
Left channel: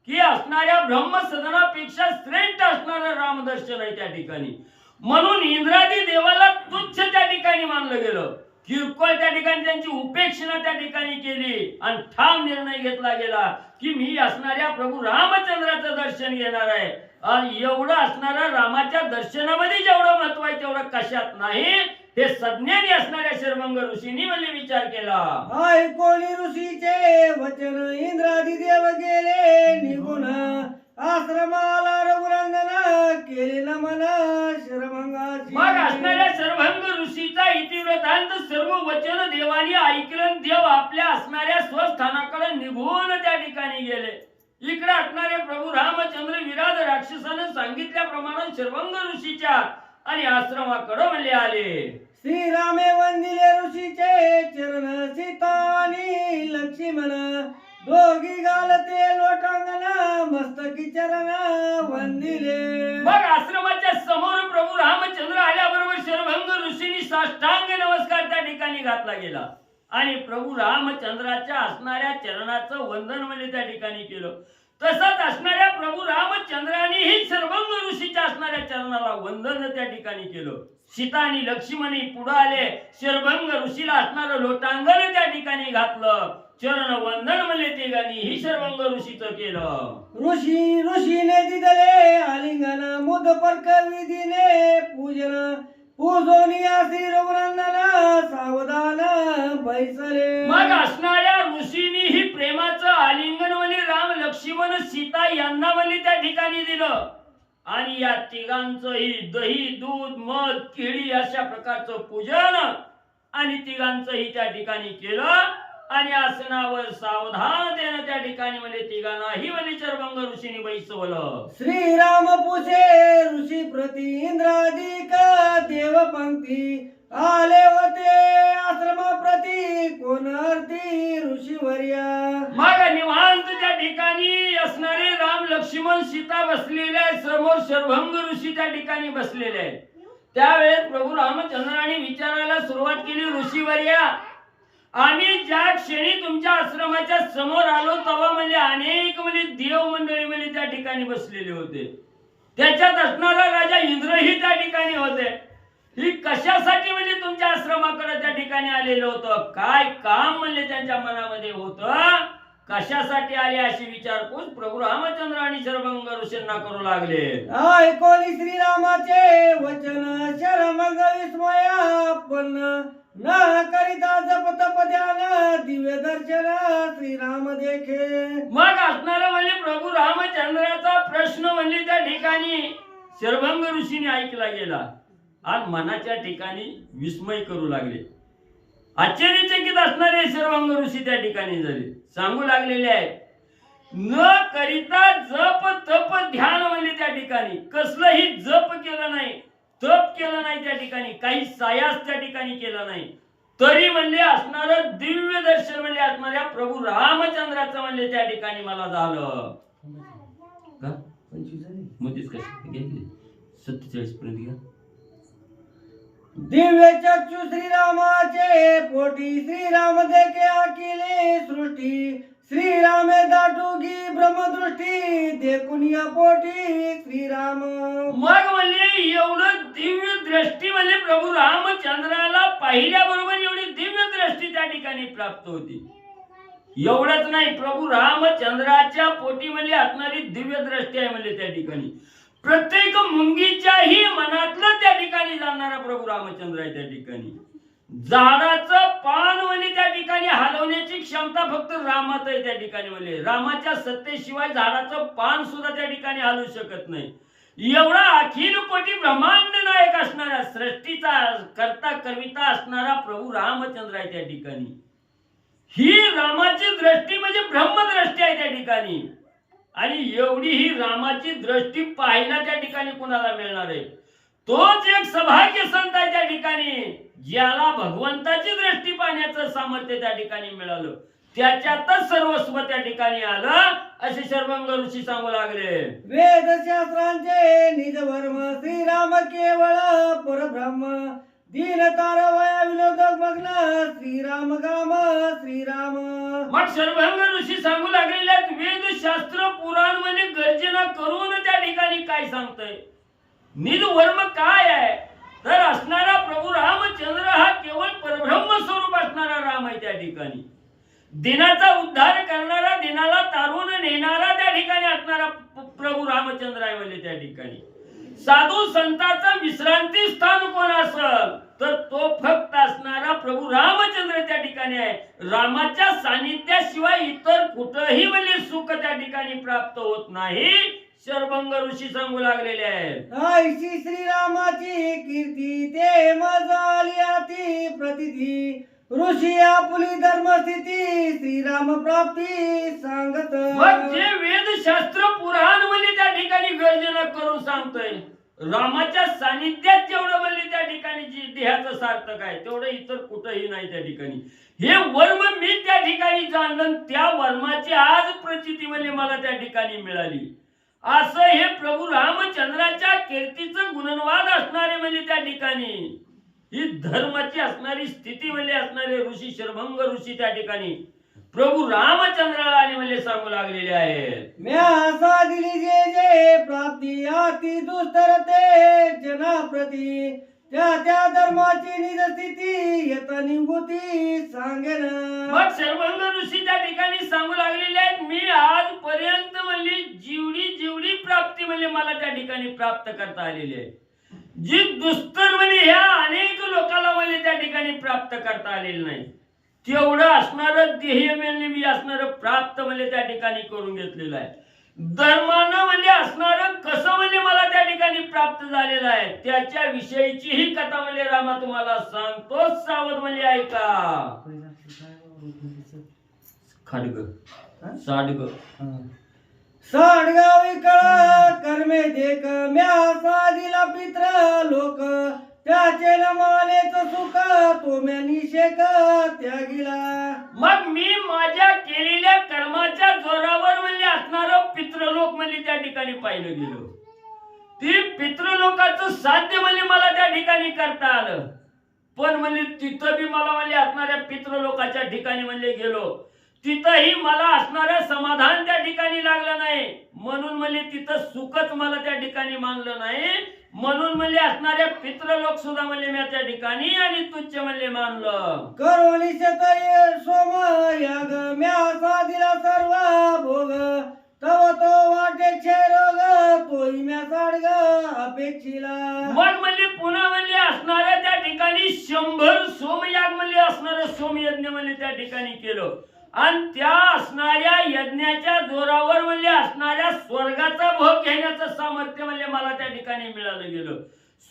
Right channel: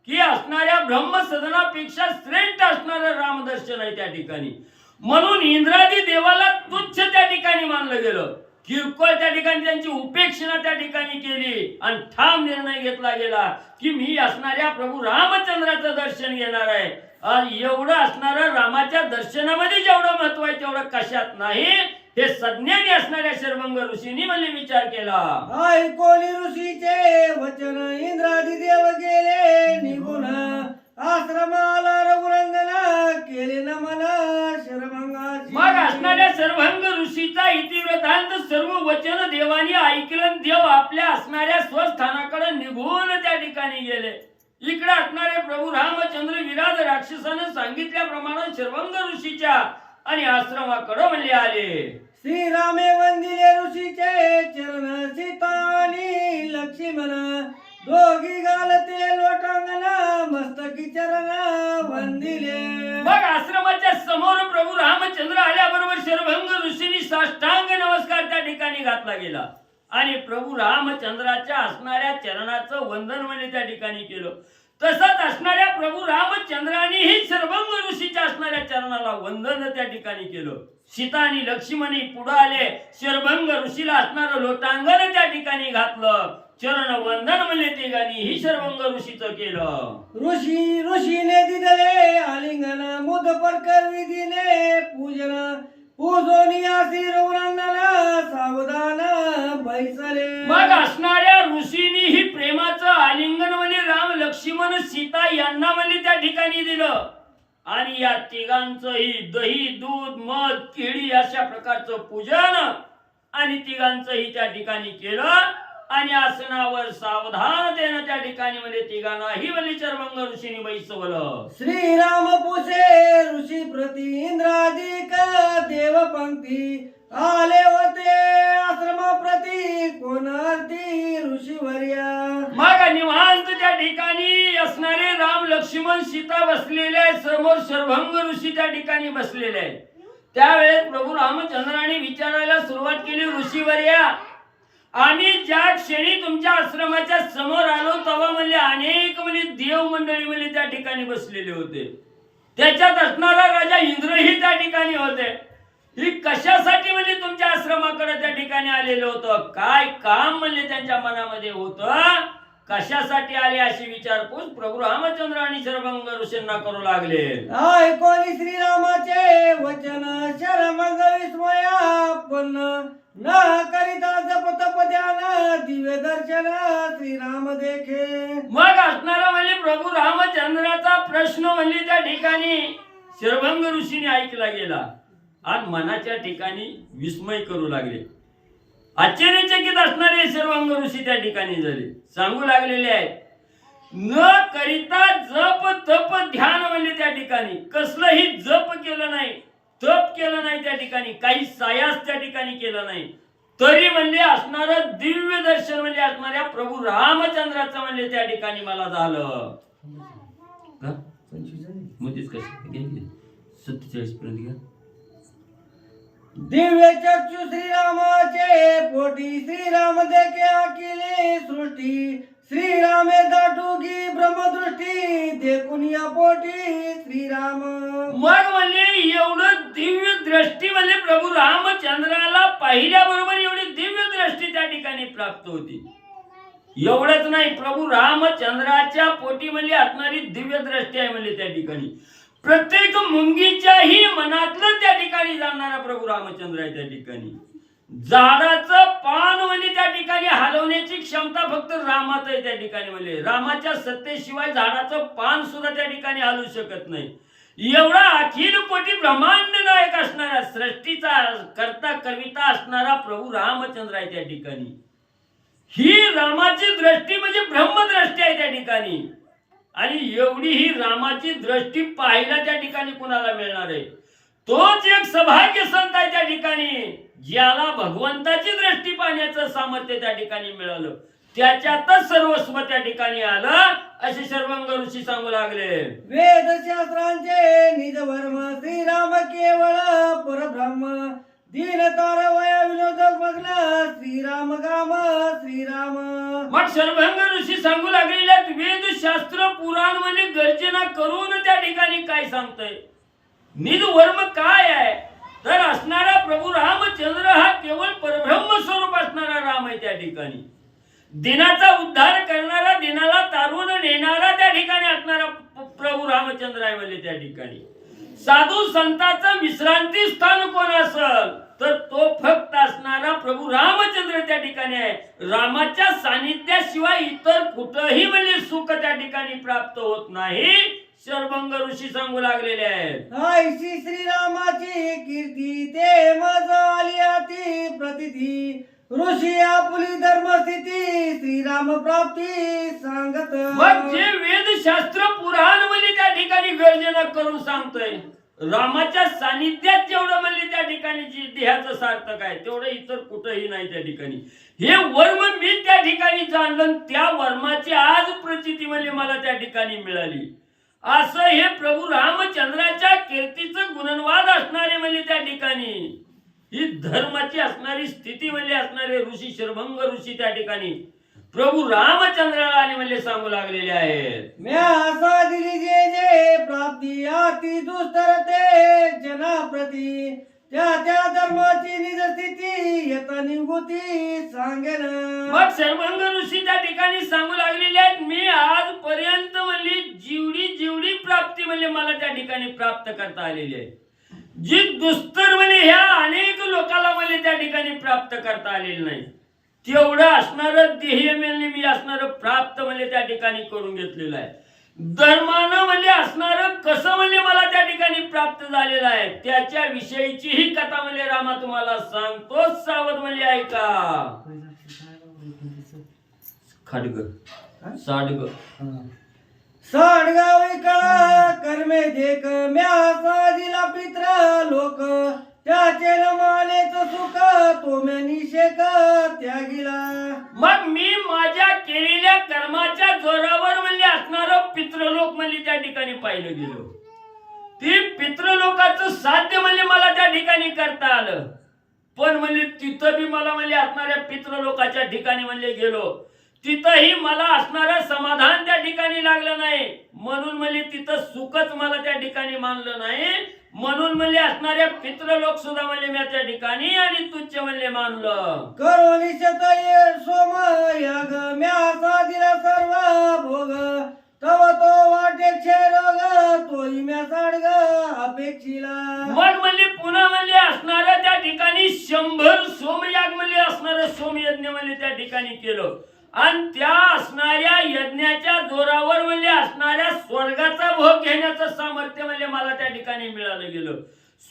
की असणाऱ्या ब्रह्मसदनापेक्षा श्रेष्ठ असणारं रामदर्शन आहे त्या ठिकाणी. म्हणून इंद्रादी देवाला तुच्छ त्या ठिकाणी मानलं गेलं. किरकोळ त्या ठिकाणी त्यांची उपेक्षणा त्या ठिकाणी केली आणि ठाम निर्णय घेतला गेला की मी असणाऱ्या प्रभू रामचंद्राचं दर्शन घेणार आहे. आणि एवढं असणारं रामाच्या दर्शनामध्ये जेवढं महत्व आहे तेवढं कशात नाही. हे सज्ञानी असणाऱ्या शर्वंग ऋषींनी म्हणजे विचार केला. ऐकोनी ऋषीचे वचन इंद्रादी देव गेले निघून आश्रमाला रघुनंदन केले नमन शर्वंगाची. मग असणाऱ्या शर्वंग ऋषीचा इतिवृत्तांत सर्व वचन देवानी ऐकलं. देव आपल्या असणाऱ्या स्वस्थानाकडे निघून त्या ठिकाणी गेले. इकडे असणारे प्रभू रामचंद्र विराज राक्षसानं सांगितल्याप्रमाणे शर्वंग ऋषीच्या आणि आश्रमाकडे म्हणले आले. श्रीरामे वंदिले ऋषीचे चरण सीता आणि लक्ष्मण दोघी घालते लोटांगण मस्तकी चरण वंदिले. मग आश्रमाच्या समोर प्रभू रामचंद्र आल्याबरोबर शर्वंग ऋषींनी साष्टांग नमस्कार त्या ठिकाणी घातला गेला आणि प्रभू रामचंद्राच्या असणाऱ्या चरणाचं वंदन म्हणजे त्या ठिकाणी केलं. तसंच असणाऱ्या प्रभू रामचंद्रानेही शर्वंग ऋषीच्या असणाऱ्या चरणाला वंदन त्या ठिकाणी केलं. सीता आणि लक्ष्मणी पुढे आले. शर्वंग ऋषीला असणारं लोटांगण त्या ठिकाणी घातलं. चरण वंदन म्हणजे तिघांनी ही शर्वंग ऋषीचं केलं. ऋषीने दिदले आलिंगन मुद परक विधीने पूजन पूजोनी आसी रघुनंदन सावधान बैसले. मग असणाऱ्या ऋषींनी ही प्रेमाचं आलिंगन म्हणजे राम लक्ष्मण सीता यांना म्हणजे त्या ठिकाणी दिलं आणि या तिघांचंही दही दूध मध केळी अशा प्रकारचं पूजन आणि तिघांचंही त्या ठिकाणी केलं आणि आसनावर सावधानतेनं त्या ठिकाणी म्हणजे तिघांनाही म्हणजे शर्वंग ऋषींनी बैसवलं. श्रीराम पुसे ऋषी प्रति इंद्रादिक देव पंक्ती आले होते आश्रमा प्रति कोणार्थी ऋषीवर्य. मग निवांत त्या ठिकाणी असणारे राम लक्ष्मण सीता बसलेले आहेत. समोर शर्वंग ऋषी त्या ठिकाणी बसलेले आहेत. त्यावेळेस प्रभू रामचंद्राने विचारायला सुरुवात केली, ऋषीवर्या आम्ही ज्या क्षणी तुमच्या आश्रमाच्या समोर आलो तेव्हा म्हणजे अनेक म्हणजे देव मंडळी म्हणजे त्या ठिकाणी बसलेले होते. त्याच्यात असणारा राजा इंद्रही त्या ठिकाणी होते. ही कशासाठी म्हणजे तुमच्या आश्रमाकडे त्या ठिकाणी आलेलं होतं? काय काम म्हणजे त्यांच्या मनामध्ये होतं? कशासाठी आले अशी विचारपूस प्रभू रामचंद्र आणि शर्वंग ऋषींना करू लागले. ऐकोनी श्रीरामाचे वचन शरमंग विस्मयापन्न न करिता जप तप ध्यान दिव्य दर्शन श्रीराम देखे. मग असणारा म्हणजे प्रभू रामचंद्राचा प्रश्न म्हणजे त्या ठिकाणी शर्वंग ऋषीने ऐकला गेला आणि मनाच्या ठिकाणी विस्मय करू लागले. आश्चर्यचकित असणारे शर्वंग ऋषी त्या ठिकाणी झाले. सांगू लागलेले आहेत, न करिता जप तप ध्यान म्हणजे त्या ठिकाणी कसलंही जप केलं नाही, तप केलं नाही, त्या ठिकाणी काही सायास त्या ठिकाणी केला नाही, तरी म्हणजे असणारं दिव्य दर्शन म्हणजे असणाऱ्या प्रभू रामचंद्राचं म्हणजे त्या ठिकाणी मला झालं. 47 पर्यंत घ्या. दिव्य चक्षु श्रीरामाचे पोटी श्रीराम देखे अखिले सृष्टी श्रीरामे दाटुगी ब्रह्मदृष्टी देखून या पोटी श्रीराम. मग म्हणजे एवढं दिव्य दृष्टी म्हणजे प्रभू रामचंद्राला पाहिल्याबरोबर एवढी दिव्य दृष्टी त्या ठिकाणी प्राप्त होती. एवढंच नाही, प्रभू रामचंद्राच्या पोटी म्हणजे असणारी दिव्य दृष्टी आहे म्हणजे त्या ठिकाणी प्रत्येक मुंगीच्याही मनातलं त्या ठिकाणी जाणारा प्रभू रामचंद्र आहे त्या ठिकाणी. झाडाचं पान म्हणजे त्या ठिकाणी हलवण्याची क्षमता फक्त रामात आहे त्या ठिकाणी. म्हणजे रामाच्या सत्तेशिवाय झाडाचं पान सुद्धा त्या ठिकाणी हलवू शकत नाही. एवढा अखिल कोटी ब्रह्मांड नायक असणारा, सृष्टीचा करता कविता असणारा प्रभू रामचंद्र आहे त्या ठिकाणी. ही रामाची दृष्टी म्हणजे ब्रह्मदृष्टी आहे त्या ठिकाणी. आणि एवढी ही रामाची दृष्टी पाहायला त्या ठिकाणी कुणाला मिळणार आहे? तोच एक सौभाग्य संत आहे त्या ठिकाणी, ज्याला भगवंताची दृष्टी पाहण्याचं सामर्थ्य त्या ठिकाणी मिळालं. त्याच्यातच सर्वस्व त्या ठिकाणी आलं असे शर्वंग ऋषी सांगू लागले. वेदशास्त्रांचे निजवर्म श्रीराम केवळ परब्रह्म, दीन तारवया विनोदक मग्न श्रीराम गाम श्रीराम. मग शर्वंग ऋषी सांगू लागलेले आहेत, वेदशास्त्र पुराण म्हणजे गर्जना करून त्या ठिकाणी काय सांगतंय? निजवर्म काय आहे तर असणारा प्रभू रामचंद्र हा केवळ परब्रह्म स्वरूप असणारा राम आहे त्या ठिकाणी. दिनाचा उद्धार करणारा, दिनाला तारून नेणारा त्या ठिकाणी असणारा प्रभू रामचंद्र आहे म्हणजे त्या ठिकाणी. साधू संतांचं विश्रांती स्थान कोण असेल तर तो फक्त असणारा प्रभू रामचंद्र त्या ठिकाणी आहे. रामाच्या सानिध्याशिवाय इतर कुठंही म्हणजे सुख त्या ठिकाणी प्राप्त होत नाही. शर्वंग ऋषी सांगू लागलेले आहेत. ऐशी श्रीरामाची कीर्ती ते मज आली अति प्रतिती, ऋषी आपुली धर्मस्थिती श्रीराम प्राप्ती सांगत. मग जे वेदशास्त्र पुराण म्हणजे त्या ठिकाणी गर्जना करून सांगतोय, रामाच्या सानिध्यात जेवढं म्हणजे त्या ठिकाणी जी देहाचं सार्थक आहे तेवढं इतर कुठंही नाही त्या ठिकाणी. हे वर्म मी त्या ठिकाणी जाणलं, त्या वर्माची आज प्रचिती म्हणजे मला त्या ठिकाणी मिळाली. असं हे प्रभू रामचंद्राच्या कीर्तीचं गुणवाद असणारे म्हणजे त्या ठिकाणी ही धर्माची असणारी स्थिती म्हणजे असणारे ऋषी शर्वंग ऋषी त्या ठिकाणी प्रभू रामचंद्राला आणि म्हणजे सांगू लागलेले आहेत. म्या असा दिली जे जे प्राप्ती अति दुस्तर ते जनाप्रती, त्या त्या धर्माची निज स्थिती येत निवृत्ती सांगेन. मग शर्वंग ऋषी त्या ठिकाणी सांगू लागलेले आहेत, मी आजपर्यंत म्हणजे जेवढी प्राप्ती म्हणजे मला त्या ठिकाणी प्राप्त करता आलेली आहे, जी दुस्तर म्हणजे ह्या अनेक लोकांना म्हणजे त्या ठिकाणी प्राप्त करता आलेली नाही, तेवढं असणारं ध्येय मी असणारं प्राप्त म्हणजे त्या ठिकाणी करून घेतलेलं आहे. धर्मानं म्हणजे असणारं कसं म्हणजे मला त्या ठिकाणी प्राप्त झालेलं आहे त्याच्या विषयीची ही कथा म्हणजे रामा तुम्हाला सांगतो. सावध म्हणजे ऐका. खडग साडग साडगावी कळा कर्मे देख, म्या साधिला पित्र लोक, त्याचे नमालेच सुख तो म्या निषेक त्यागिला. मग मी माझ्या केलेल्या कर्माच्या जोरावर म्हणजे असणारं पितृलोक म्हणजे त्या ठिकाणी पाहिलं गेलो. ती पितृलोकाचं साध्य म्हणजे मला त्या ठिकाणी करता आलं. पण म्हणजे तिथं बी मला म्हणजे असणाऱ्या पितृलोकाच्या ठिकाणी म्हणजे गेलो, तिथंही मला असणारं समाधान त्या ठिकाणी लागलं नाही. म्हणून म्हणजे तिथं सुखच मला त्या ठिकाणी मानलं नाही. म्हणून म्हणजे असणाऱ्या पितृलोक सुद्धा म्हणजे मी त्या ठिकाणी आणि तुच्छ म्हणजे मानलं. करोनी शतय सोम याग, म्या साधिला सर्व भोग, तव तो वाटे क्षय रोग, तोही म्या साडग अपेक्षिला. मग म्हणजे पुन्हा म्हणजे असणाऱ्या त्या ठिकाणी 100 सोमयाग म्हणजे असणारं सोमयज्ञ म्हणजे त्या ठिकाणी केलं. आणि त्या असणाऱ्या यज्ञाच्या जोरावर म्हणजे असणाऱ्या स्वर्गाचा भोग घेण्याचं सामर्थ्य म्हणजे मला त्या ठिकाणी मिळालं गेलं.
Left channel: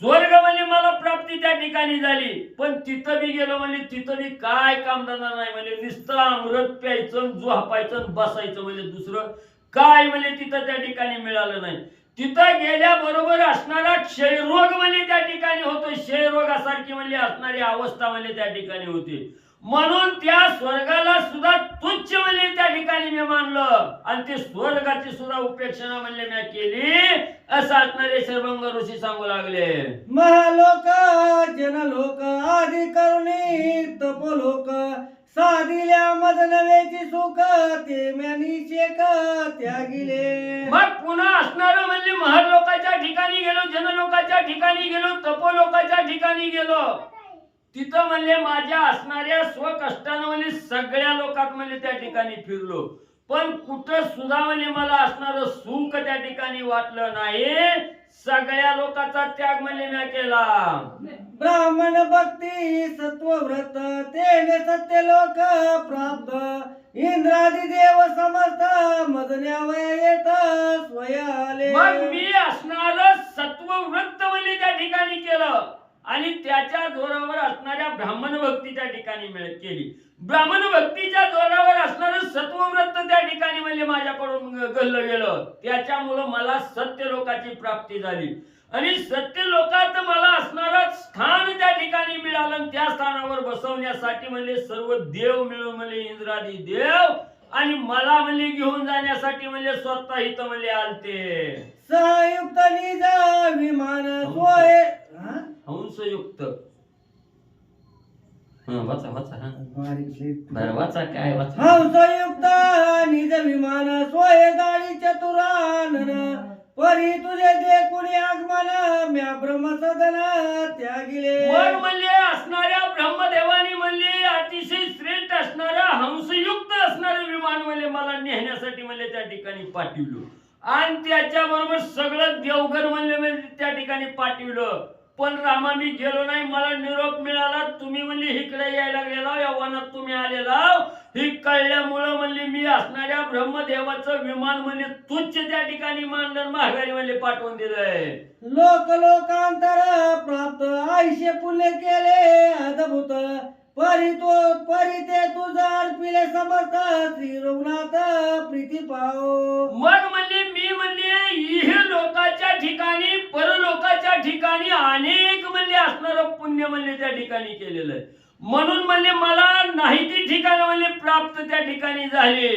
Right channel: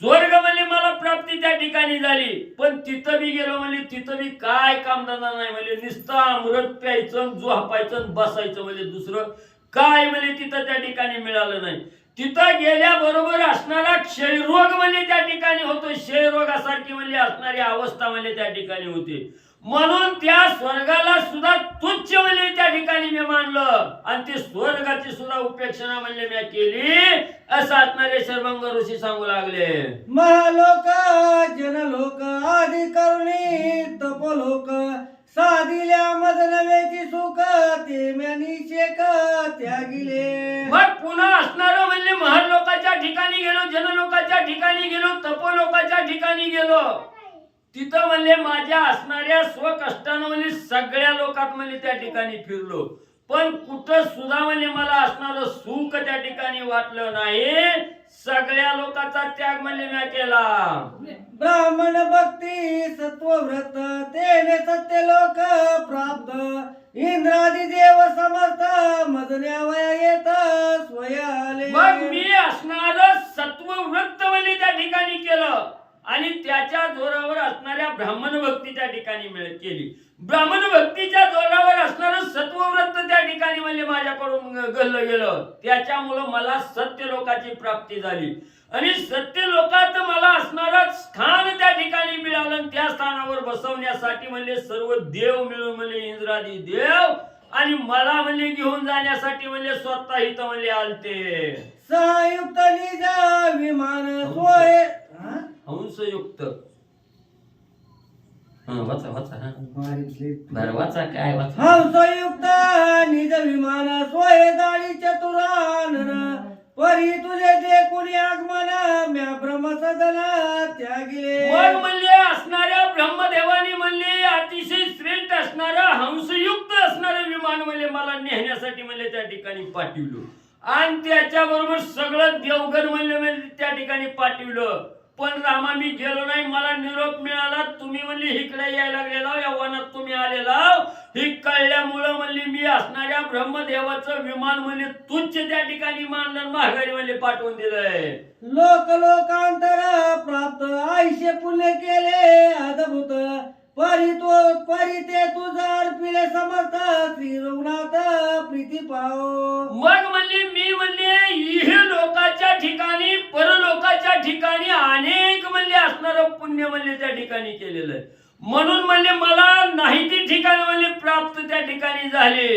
स्वर्ग म्हणजे मला प्राप्ती त्या ठिकाणी झाली. पण तिथं बी गेलो म्हणजे तिथं बी काय कामधंदा नाही. म्हणजे नुसतं अमृत प्यायचं, झोपायचं, बसायचं, म्हणजे दुसरं काय म्हणजे तिथं त्या ठिकाणी मिळालं नाही. तिथं गेल्याबरोबर असणारा क्षयरोग म्हणजे त्या ठिकाणी होतो. क्षयरोगासारखी म्हणजे असणारी अवस्था म्हणजे त्या ठिकाणी होती. म्हणून त्या स्वर्गाला सुद्धा तुच्छ म्हणजे त्या ठिकाणी मी मानलं आणि ते स्वर्गाची सुद्धा उपेक्षणा म्हणजे मी केली असं असणारे शर्वंग ऋषी सांगू लागले. महालोक जनलोक आदी करुणी तपोलोक, साधिल्या मज नव्याची सुख ते म्या निषेक त्यागिले. मग पुन्हा असणारं म्हणजे महलोकाच्या ठिकाणी गेलो, जनलोकाच्या ठिकाणी गेलो, तपोलोकाच्या ठिकाणी गेलो. तिथं म्हणजे माझ्या असणाऱ्या स्वकष्टानं म्हणजे सगळ्या लोकात म्हणजे त्या ठिकाणी फिरलो. पण कुठं सुद्धा म्हणजे मला असणारं सुख त्या ठिकाणी वाटलं नाही. सगळ्या लोकांचा त्याग म्हणजे मी केला. ब्राह्मण भक्ती सत्वव्रत तेने सत्य लोक प्राप्त इंद्रादी देव समर्थ मजन्यावया येत स्वयाले. मग मी असणार सत्ववृत्त म्हणजे त्या ठिकाणी केलं आणि त्याच्या जोरावर असणाऱ्या ब्राह्मण भक्ती त्या ठिकाणी केली. ब्राह्मण भक्तीच्या जोरावर असणार सत्वव्रत त्या ठिकाणी म्हणजे माझ्याकडून गल्लं गेलं. त्याच्यामुळं मला सत्य लोकाची प्राप्ती झाली आणि सत्य लोकात मला असणारं स्थान त्या ठिकाणी मिळालं आणि त्या स्थानावर बसवण्यासाठी म्हणजे सर्व देव मिळून म्हणजे इंद्रादी देव आणि मला म्हणजे घेऊन जाण्यासाठी म्हणजे स्वतः इथं म्हणजे आलते. संयुक्त निज विमान सोय हंसयुक्त वाचा वाचा बरं वाचा काय वाचा. हंसयुक्त निज विमान सोय गाडी चतुरानन परी तुझे देखून आगमन म्या ब्रह्मसदन त्यागिले. मग म्हणले असणाऱ्या ब्रह्मदेवानी म्हणले अतिशय श्रेष्ठ असणारं हंसयुक्त असणारं विमान म्हणले मला नेहण्यासाठी म्हणले त्या ठिकाणी पाठवलं आणि त्याच्याबरोबर सगळं देवगण म्हणले त्या ठिकाणी पाठवलं. पण रामा मी गेलो नाही. मला निरोप मिळाला तुम्ही म्हणले इकडे यायला गेला या वनात तुम्ही आलेला ही कळल्यामुळं म्हणले मी असणाऱ्या ब्रह्मदेवाचं विमान म्हणजे तुच्छ त्या ठिकाणी मानलं माघारी म्हणले पाठवून दिलंय. लोक लोकांतर प्राप्त आयुष्य पुण्य केले अद्भुत परी ते तुझा अर्पिले समर्थ श्री रघुनाथ प्रीती पाओ. मग म्हणले मी म्हणले इह लोकाच्या ठिकाणी परलोकाच्या ठिकाणी अनेक म्हणले असणारं पुण्य म्हणले त्या ठिकाणी केलेलं आहे. म्हणून म्हणले मला नाही ती ठिकाण म्हणले प्राप्त त्या ठिकाणी झाले.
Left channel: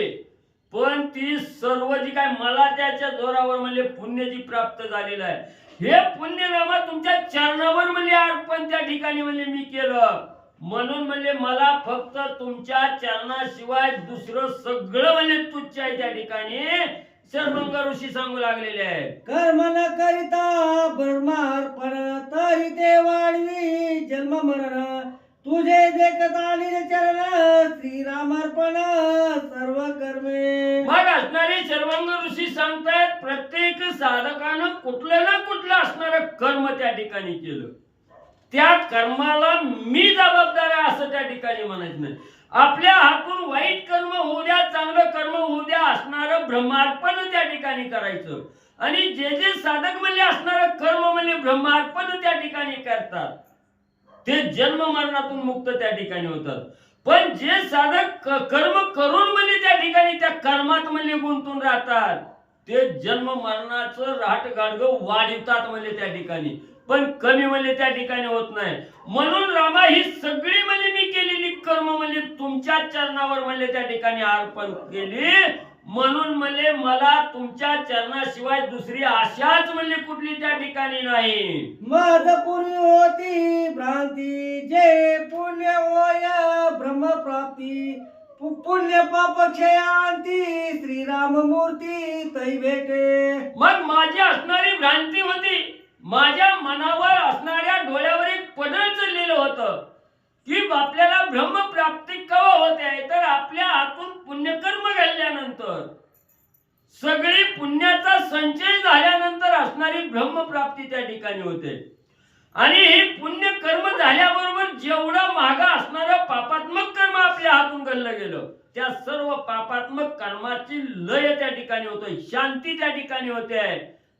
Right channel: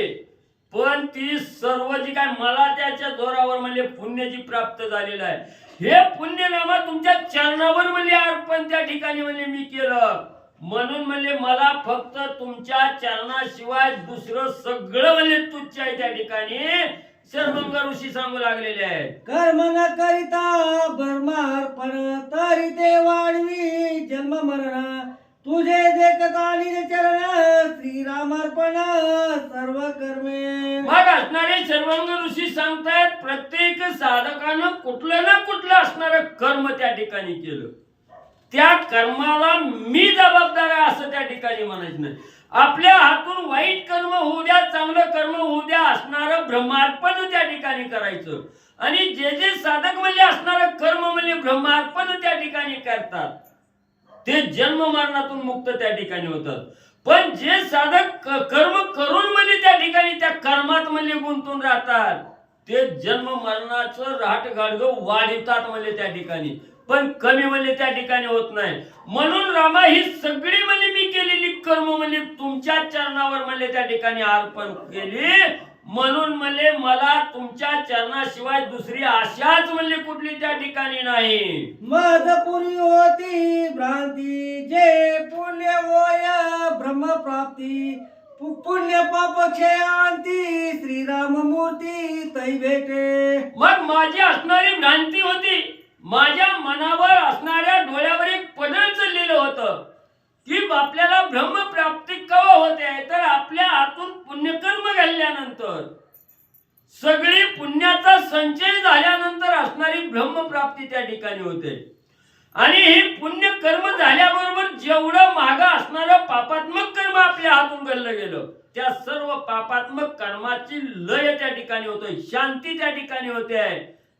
पण ती सर्व जी काय मला त्याच्या जोरावर म्हणले पुण्याची प्राप्त झालेलं आहे. हे पुण्यनामा तुमच्या चरणावर म्हणले अर्पण त्या ठिकाणी म्हणले मी केलं. म्हणून म्हणले मला फक्त तुमच्या चरणाशिवाय दुसरं सगळं म्हणले तुच्छ आहे त्या ठिकाणी शर्मंग ऋषी सांगू लागलेले आहे. कर्म न करिता ब्रह्मार्पण तरी ते वाढवी जन्म मरण तुझे देखता निज चरण श्रीरामार्पण सर्व कर्मे. मग असणारे शर्मंग ऋषी सांगतायत प्रत्येक साधकानं कुठलं ना कुठलं असणारं कर्म त्या ठिकाणी केलं. त्या कर्माला मी जबाबदार आहे असं त्या ठिकाणी म्हणायचं नाही. आपल्या हातून वाईट कर्म होऊ द्या चांगलं कर्म होऊ द्या असणारं ब्रह्मार्पण त्या ठिकाणी करायचं. आणि जे जे साधक म्हणजे असणारं कर्म म्हणजे ब्रह्मार्पण त्या ठिकाणी करतात ते जन्म मरणातून मुक्त त्या ठिकाणी होतात. पण जे साधक कर्म करून म्हणजे त्या ठिकाणी त्या कर्मात म्हणजे गुंतून राहतात ते जन्म मरणाचं राहट गाडगं वाढवतात म्हणजे त्या ठिकाणी पण कमी म्हणजे त्या ठिकाणी होत नाही. म्हणून रामा ही सगळी म्हणजे मी केलेली कर्म म्हणजे तुमच्या चरणावर म्हणजे त्या ठिकाणी अर्पण केली. म्हणून म्हणले मला तुमच्या चरणाशिवाय दुसरी आशाच म्हणजे कुठली त्या ठिकाणी नाही. मद पुरी होती भ्रांती जे पुण्य होय ब्रह्मप्राप्ती पुण्य पाप क्षयांती श्रीराम मूर्ती तै भेटे. मग माझी असणारी भ्रांती होती. माझ्या मनावर असणाऱ्या डोळ्यावर एक पडळ चाललेलं होतं की आपल्याला ब्रह्मप्राप्ती केव्हा होते तर आपल्या हातून पुण्यकर्म घालल्यानंतर सगळी पुण्याचा संचय झाल्यानंतर असणारी ब्रह्मप्राप्ती त्या ठिकाणी होते. आणि ही पुण्यकर्म झाल्याबरोबर जेवढं मागं असणारं पापात्मक कर्म आपल्या हातून घडलं गेलं त्या सर्व पापात्मक कर्माची लय त्या ठिकाणी होते शांती त्या ठिकाणी होते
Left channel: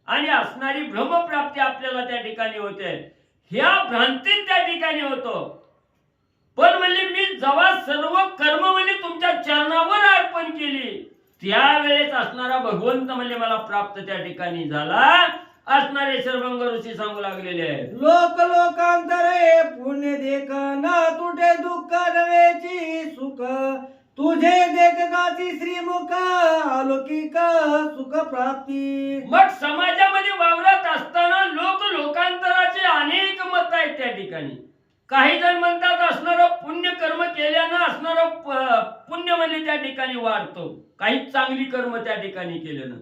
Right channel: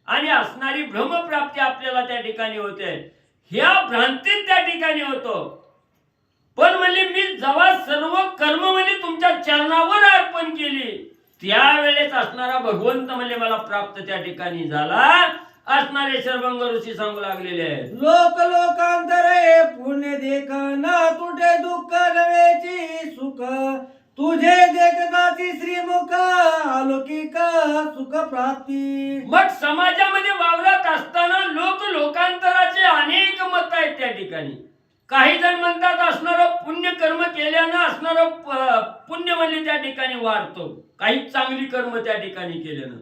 आणि असणारी ब्रह्मप्राप्ती आपल्याला त्या ठिकाणी होते. ह्या भ्रांतीत त्या ठिकाणी होतो. पण म्हणजे मी जेव्हा सर्व कर्म म्हणजे तुमच्या चरणावर अर्पण केली त्यावेळेस असणारा भगवंत म्हणजे मला प्राप्त त्या ठिकाणी झाला असणारे सर्वंग ऋषी सांगू लागलेले आहेत. लोक लोकांतरे पुण्य देख ना तुटे दुःख नव्हेची सुख तुझे देखताची श्रीमुख अलौकिक सुख प्राप्ती. मग समाजामध्ये वावरत असताना लोकांतराचे अनेक मत आहेत त्या ठिकाणी. काही जण म्हणतात असणारं पुण्य कर्म केल्यानं असणारं पुण्य म्हणजे त्या ठिकाणी वाढतो काही चांगली कर्म त्या ठिकाणी केल्यानं.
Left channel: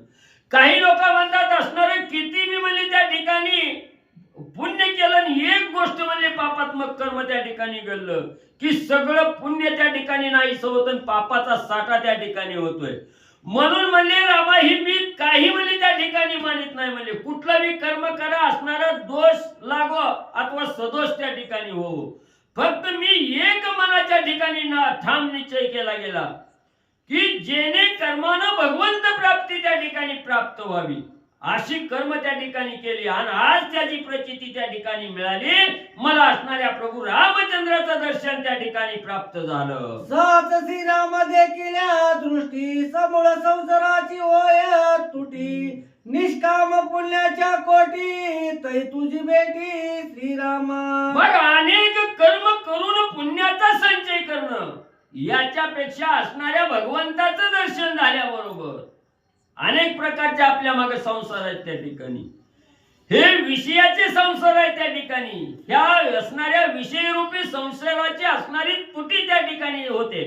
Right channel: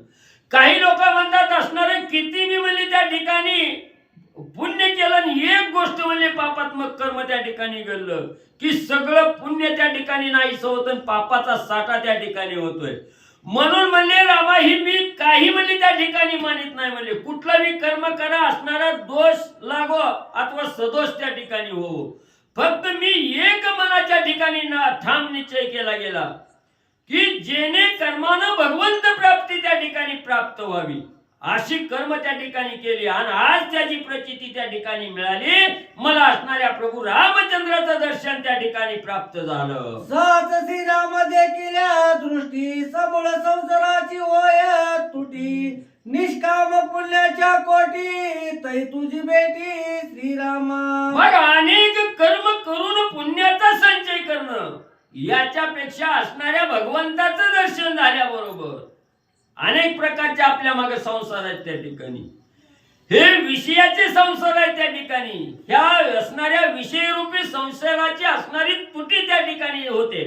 काही लोक म्हणतात असणारं किती मी म्हणजे त्या ठिकाणी पुण्य केलं आणि एक गोष्ट म्हणजे पापात्मक कर्म त्या ठिकाणी घडलं की सगळं पुण्य त्या ठिकाणी नाहीसं होतं पापाचा साठा त्या ठिकाणी होतोय. म्हणून म्हणले रामा ही मी काही म्हणले त्या ठिकाणी मानित नाही म्हणले. कुठलाही कर्म करा असणारा दोष लागो अथवा सदोष त्या ठिकाणी हो, फक्त मी एक मनाच्या ठिकाणी ना ठाम निश्चय केला गेला की जेणे कर्मानं भगवंत प्राप्ती त्या ठिकाणी प्राप्त व्हावी अशी कर्म त्या ठिकाणी केली आणि आज त्याची प्रचिती त्या ठिकाणी मिळाली. मला असणाऱ्या प्रभू रामचंद्राचं दर्शन त्या ठिकाणी प्राप्त झालं. सात श्रीराम देखिल्या दृष्टी समूळ संसाराची होय तुटी निष्काम पुण्याच्या कोटी तै तुझी बेटी श्रीरामा. मग अनेक कर्म करून पुण्याचा संचय करणं याच्यापेक्षा असणाऱ्या भगवंताचं दर्शन झाल्याबरोबर अनेक प्रकारचे आपल्या मागे संसार आहेत त्या ठिकाणी. हे विषयाचे संसार आहेत त्या ठिकाणी. ह्या असणाऱ्या विषयरूपी संसाराची असणारी तुटी त्या ठिकाणी होते.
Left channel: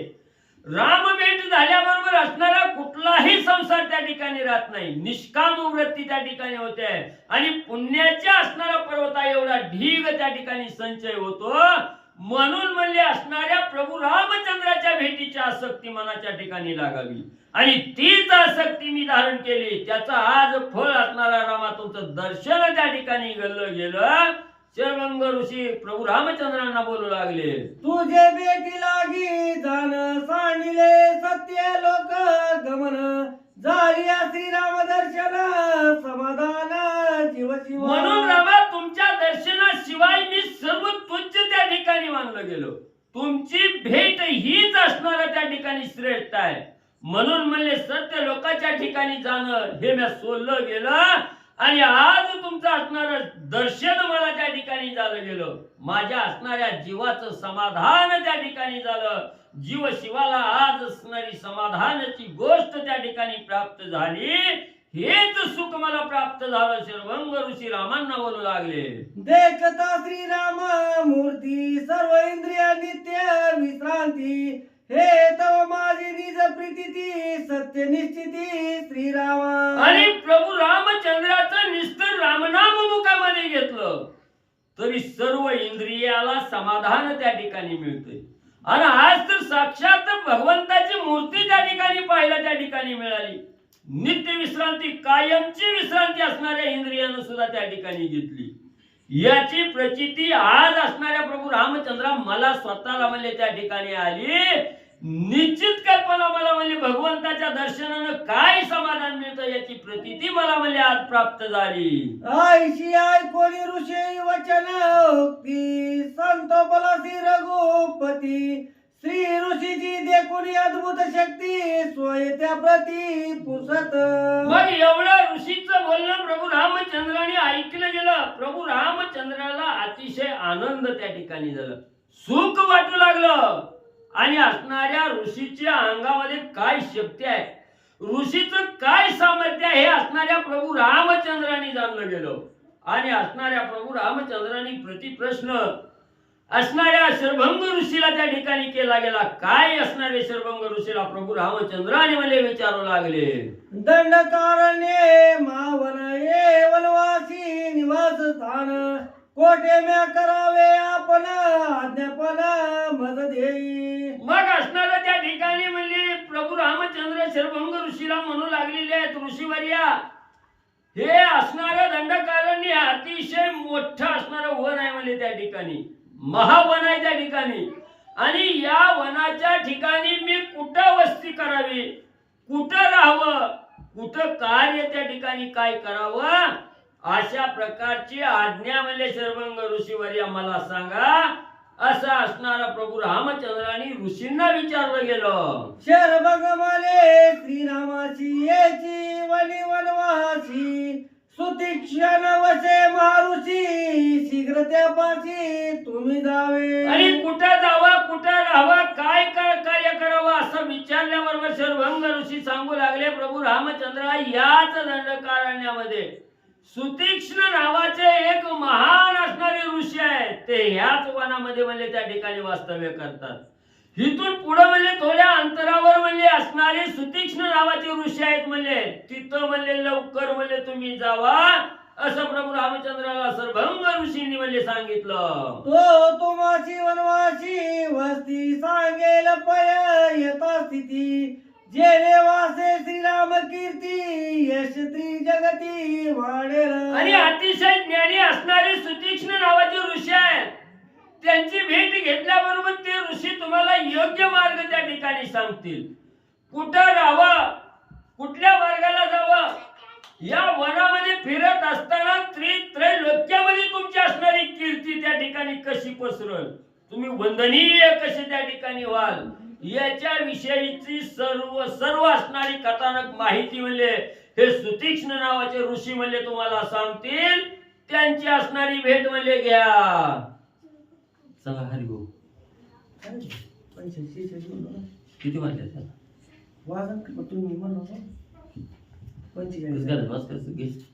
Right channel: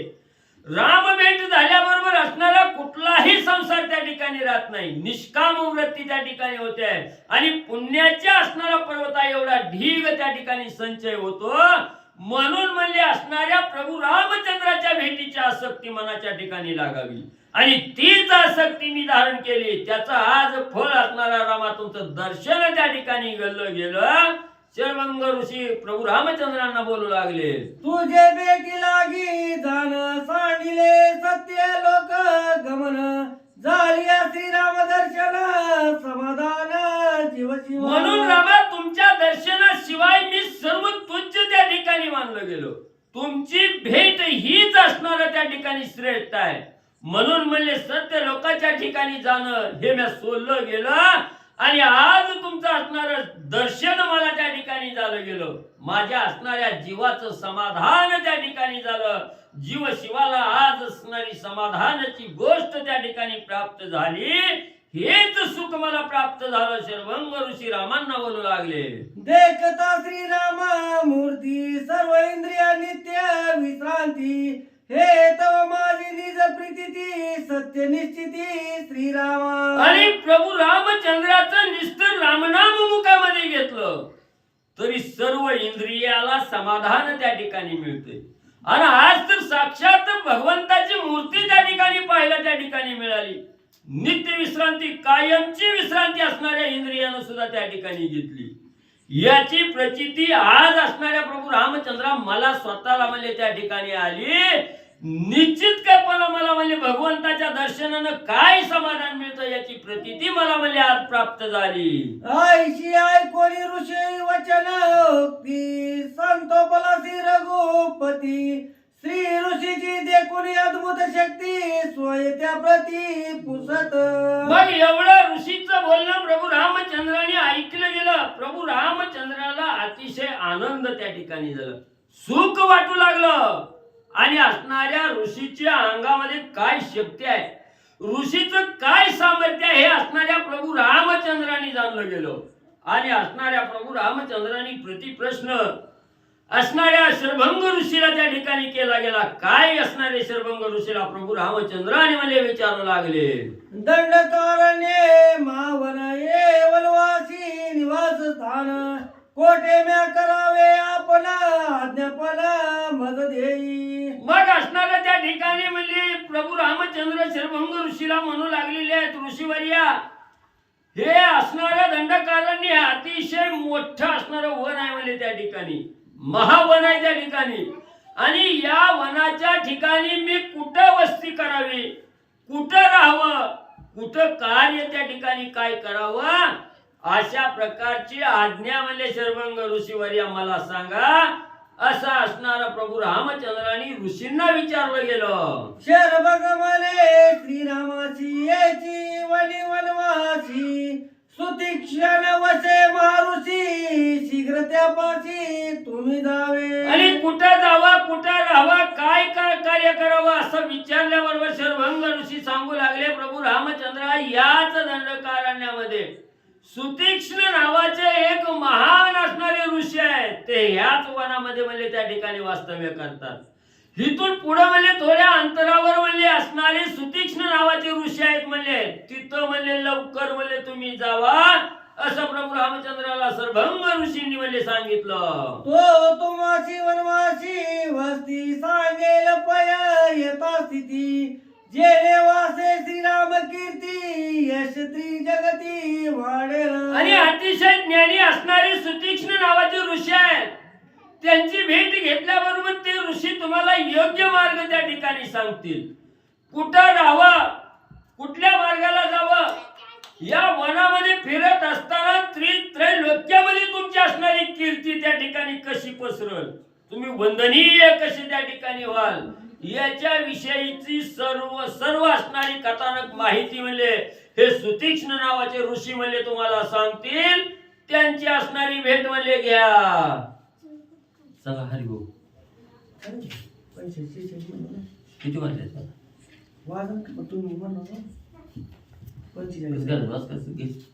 राम भेट झाल्याबरोबर असणारा कुठलाही संसार त्या ठिकाणी राहत नाही. निष्काम वृत्ती त्या ठिकाणी होते आणि पुण्याच्या असणारा पर्वता एवढा ढीग त्या ठिकाणी संचय होतो. म्हणून म्हणले असणाऱ्या प्रभू रामचंद्राच्या भेटीची आसक्ती मनाच्या ठिकाणी लागावी आणि तीच आसक्ती मी धारण केली. त्याचं आज फळ असणारा रामा तुमचं दर्शन त्या ठिकाणी गेलं. शरभंग ऋषी प्रभू रामचंद्रांना बोलू लागले, तुझे बेटी लागी जाण सांडिले सत्य लोक गमन झालिया श्रीराम दर्शन समाधान जीवशिव. म्हणून रामा तुमच्या दर्शनाशिवाय मी सर्व तुच्छ त्या ठिकाणी मानलं गेलो. तुमची भेट हीच असणार त्या ठिकाणी श्रेष्ठ आहे. म्हणून म्हणले सत्य लोकांच्या ठिकाणी जाणं हे मी सोडलं गेलं आणि आज तुमचं असणारं दर्शन मला त्या ठिकाणी झालं गेलं. माझ्या असणाऱ्या जीवाचं समाधान त्या ठिकाणी झालं. जीव शिवाला आज असणारी समाधानाची गोष्ट त्या ठिकाणी प्राप्त झाली. हेच सुख मला प्राप्त झालं. शरभंग ऋषी रामांना बोलू लागले, देखता श्रीराम मूर्ती सर्व इंद्रिय नित्य विश्रांती हे तव माझी निज प्रीती सत्य निश्चिती श्रीरामा. आणि प्रभू रामचंद्राचं निस्तर रामनाम मुखामध्ये घेतलं तरी सर्व इंद्रियाला समाधान त्या ठिकाणी मिळते. आणि आज तर साक्षात भगवंताची मूर्ती त्या ठिकाणी पाहायला त्या ठिकाणी मिळाली. नित्य विश्रांती कायमची विश्रांती असणाऱ्या इंद्रियानं सुद्धा त्या ठिकाणी घेतली. याची प्रचिती आज असणाऱ्या प्रभू रामचंद्रा मला स्वतःला म्हणले त्या ठिकाणी आली. निश्चित कल्पना मला म्हणले भगवंताच्या दर्शनानं काय समाधान मिळतं याची प्रचिती मला म्हणले आज प्राप्त झाली. ऐशी ऐकोनी ऋषी वचन की संतोपलासी रघुपती श्री ऋषीची देखुनी अद्भुत शक्ती सोय त्या प्रती पुसत. मग एवढं ऋषीचं बोलणं प्रभू रामचंद्राने ऐकलं गेलं. प्रभू रामचंद्राला अतिशय आनंद त्या ठिकाणी झाला, सुख वाटू लागलं. आणि असणाऱ्या ऋषीच्या अंगामध्ये काय शक्ती आहे, ऋषीचं काय सामर्थ्य आहे हे असणाऱ्या प्रभू रामचंद्राने जाणलं गेलं. आणि असणाऱ्या प्रभू रामचंद्राने प्रतिप्रश्न असणाऱ्या शरभंग ऋषीला त्या ठिकाणी केला गेला. काय असणारे शरभंग ऋषीला प्रभू रामचंद्राने मला विचारू लागले, दंडकारण्ये मावन ये वनवासी निवास स्थान कोठे म्या करावे आपण आज्ञापन मद देई. मग असणाऱ्या त्या ठिकाणी म्हणजे प्रभू रामचंद्र शरभंग ऋषीला म्हणू लागलेले आहेत, ऋषीवर्या हे असणाऱ्या दंडकारण्य अतिशय मोठं असणारं वन आहे म्हणजे त्या ठिकाणी, महावन आहे त्या ठिकाणी. आणि या वनाच्या ठिकाणी मी कुठं वस्ती करावी, कुठं राहावं, कुठं कार्य त्या ठिकाणी काय करावं अशा प्रकारची आज्ञा म्हणजे शरभंग ऋषीवर्या मला सांगा. असं असणारा प्रभू रामचंद्राने ऋषींना विचारलं गेलं. शरभंग मले श्रीरामाची याची वनी वनवासी सुतीक्षण वसे मारुसी शीघ्र त्यापाशी तुम्ही जावे. आणि कुठं जावा, कुठं राहावा, काय काय कार्य करावं असं विचारल्याबरोबर शरभंग ऋषी सांगू लागले, प्रभू रामचंद्र याच दंडकारण्यामध्ये सुतीक्ष्ण नावाचे एक महान असणारे ऋषी आहेत. ते ह्याच वनामध्ये म्हणजे त्या ठिकाणी वास्तव्य करतात. इथून पुढे म्हणजे थोड्या अंतरावर म्हणजे असणारे सुतीक्ष्ण नावाचे ऋषी आहेत. म्हणजे तिथं म्हणजे लवकर म्हणजे तुम्ही जावा असं प्रभू रामचंद्राला शरभंग ऋषींनी म्हणजे सांगितलं. तो तुम्हाशी वनवासी वस्ती सांगेल पय यथा स्थिती जे वासे श्रीराम कीर्ती यश त्रि जगती वाढेल. आणि अतिशय ज्ञानी असणारे सुतीक्ष्ण नावाचे ऋषी आहेत. त्यांची भेट घेतल्याबरोबर ते ऋषी तुम्हाला योग्य मार्ग त्या ठिकाणी सांगतील. कुठं राहावं, कुठल्या मार्गाला जावं, या वनामध्ये फिरत असताना त्रैलोक्यामध्ये तुमची असणारी कीर्ती त्या ठिकाणी कशी पसरल, तुम्ही वंदनीय कसे त्या ठिकाणी व्हाल, याच्या विषयीची सर्व असणारी कथानक माहिती म्हणले हे सुतीक्ष्ण नावाचे ऋषी म्हणले तुम्हाला सांगतील. त्यांची असणारी भेट म्हणले घ्या. चला हरिभाऊ, किती वाजले त्याला? वाजन तुम्ही म्हणा 45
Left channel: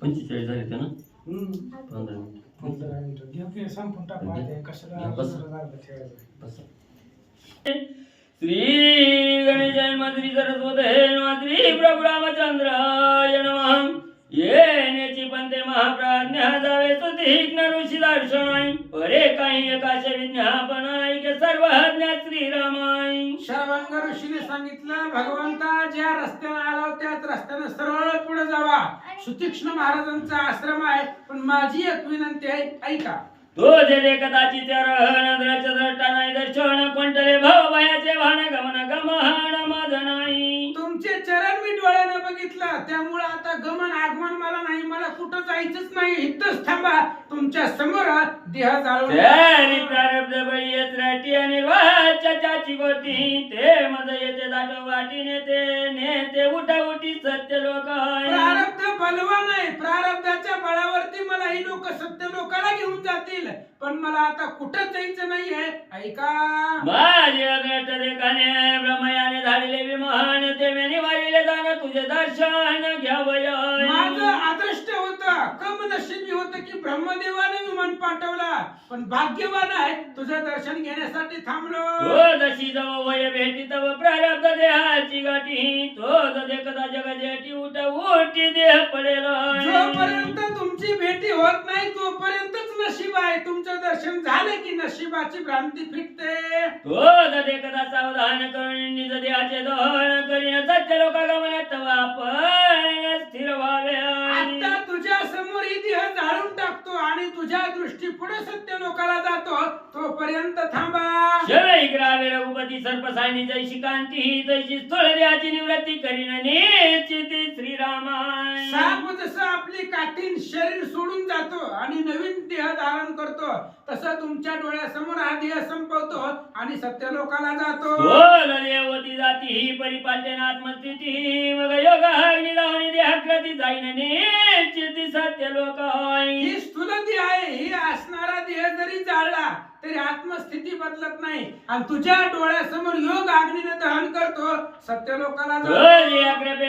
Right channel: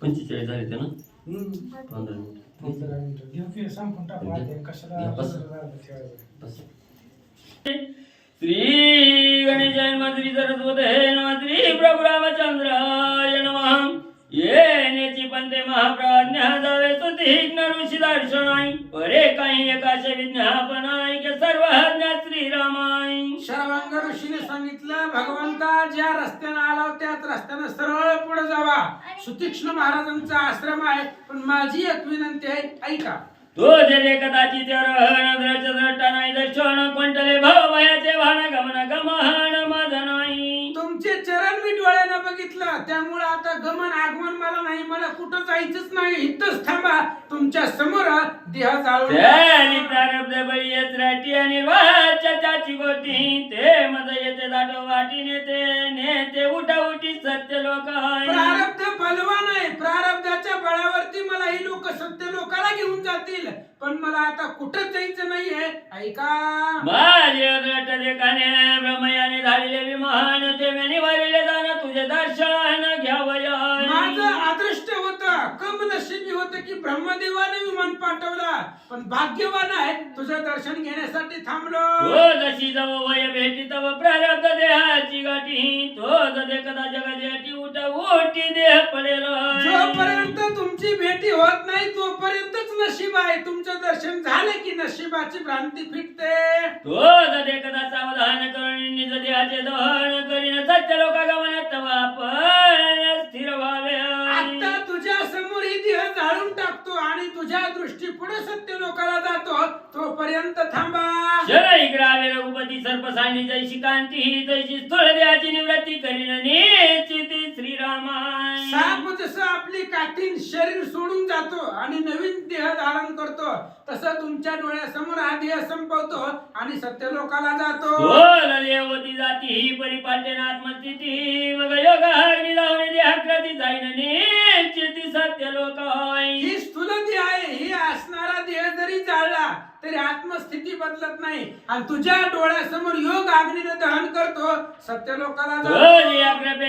45 झाले ते ना. 15 मिनिट. 15 मिनिटं घेऊ की संपून टाकू आता कशाला बस. बस. श्री गणेशाय नमः, श्री सरस्वती नमः, श्री प्रभु रामचंद्राय नमः. येण्याची पंते महाप्राज्ञा जावे सुतीक्ष्ण ऋषी दर्शनाई, परे काही एकाशे विज्ञापनाई के सर्व ज्ञा श्रीरामाई. शरभंग ऋषीने सांगितलं, भगवंता ज्या रस्त्याने आला त्याच रस्त्याने सरळ पुढे जावा. सुतीक्ष्ण महाराजांचा आश्रम आहे, पण माझी एक विनंती आहे, ऐका. तो जे कदाचित द्रष्टा नाही दर्शन कोणतले भव भयाचे भान गमन गमन माझ नाही. तुमचे चरण मी डोळ्यानं बघितलं, त्यामुळे आता गमन आगमन मला नाही, मला कुठं जायचंच नाही, इथंच थांबा. तुमच्या समोर देह जाळून प्रारब्ध बळी येत राठी आणि वाच्याची गोटी ते मज येते दाट वाटी नेते उठा उठी सत्य लोक प्रारब्ध बलवान आहे. प्रारब्धाच्या बळावरती मला ही लोक सत्य लोकाला घेऊन जातील, पण मला आता कुठं जायचं नाहीये, ऐका. माझे अग्रट देखाने ब्रह्मयाने धाडिले विमान ते मेनी वारिले जाण तुझे दर्शन घ्यावय. माझं अदृष्ट होतं, कम नशिबी होतं की ब्रह्मदेवाने विमान पाठवला, पण भाग्यवान आहे तुझं दर्शन घेण्यासाठी थांबलो. तो जशी जव वय भेटी तव प्रारब्ध देहाची गाठी, तो जदे कदा जगाची उठी देह पडेल. जोपर्यंत तुमची भेटी होत नाही तोपर्यंतच नशीब आहे. तुमचं दर्शन झालं की नशिबाची भ्रांती फिटते. तो जदे कदा सावधान करून निज देहाचे दहन करीन सत्य लोका गमन तवा आपण स्थिर व्हावे. आता तुझ्या समोर ही देह जाळून टाकतो आणि तुझ्या दृष्टी पुढे सत्य लोकाला जातो, तोपर्यंत थांबा. शरई ग्रावे रघुपती सर्प सांडी जैशी कांती तैशी स्थूल देहाची निवृत्ती करीन निश्चिती श्रीरामाय. साप जसं आपली काठीण शरीर सोडून जातो आणि नवीन देह धारण करतो, तसं तुमच्या डोळ्यासमोर हा देह संपवतो आणि सत्य लोकाला जातो. बोल देवती जाती ही परिपाट्यन आत्मस्थिती मग योगा निलावणी देहाकृती जाईन निश्चिती सत्य लोक ही स्थूल देह आहे. ही असणारा देह जरी जाळला तरी आत्मस्थिती बदलत नाही आणि तुझ्या डोळ्यासमोर योग अग्नीने दहन करतो, सत्य लोकाला जातो.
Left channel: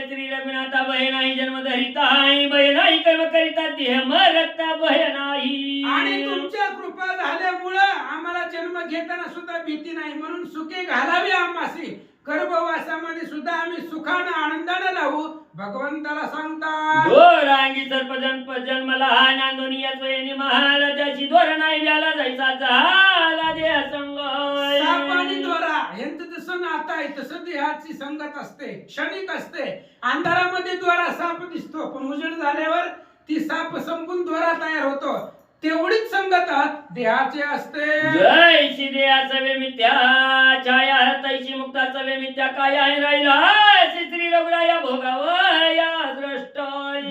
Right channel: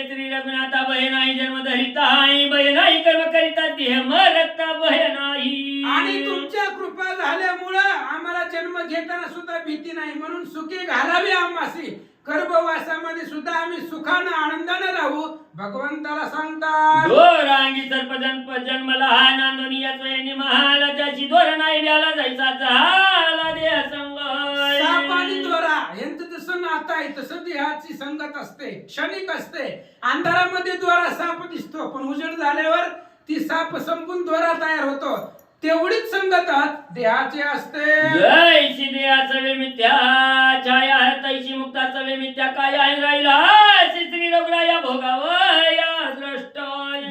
श्री रघुनाथा भय नाही जन्म धरिता भय नाही कर्म करिता देह मरता भय नाही. आणि तुमच्या कृपा झाल्यामुळं आम्हाला जन्म घेताना सुद्धा भीती नाही, म्हणून सुखे घालावी आम्हासी. गर्भवासामध्ये सुद्धा आम्ही सुखानं आनंदाने राहू, भगवंताला सांगतात. रांगी सर्प जन्मला हा नांदोनी या स्वयंनी महाला त्याची दोर नाही व्याला जायचा झाला देह संग. साप आणि दोरा यांचं जसं नातं आहे तसं देहाची संगत असते, क्षणिक असते. अंधारामध्ये दोरा साप दिसतो, पण उजेड झाल्यावर ती साप संपून दोरा तयार होतो. तेवढीच संगत देहाची असते. जैशी देहाचं वे मिथ्या छाया तैशी मुक्ताचं वे मिथ्या काय आहे राहिला श्री रघुराया भोगावया दृष्ट.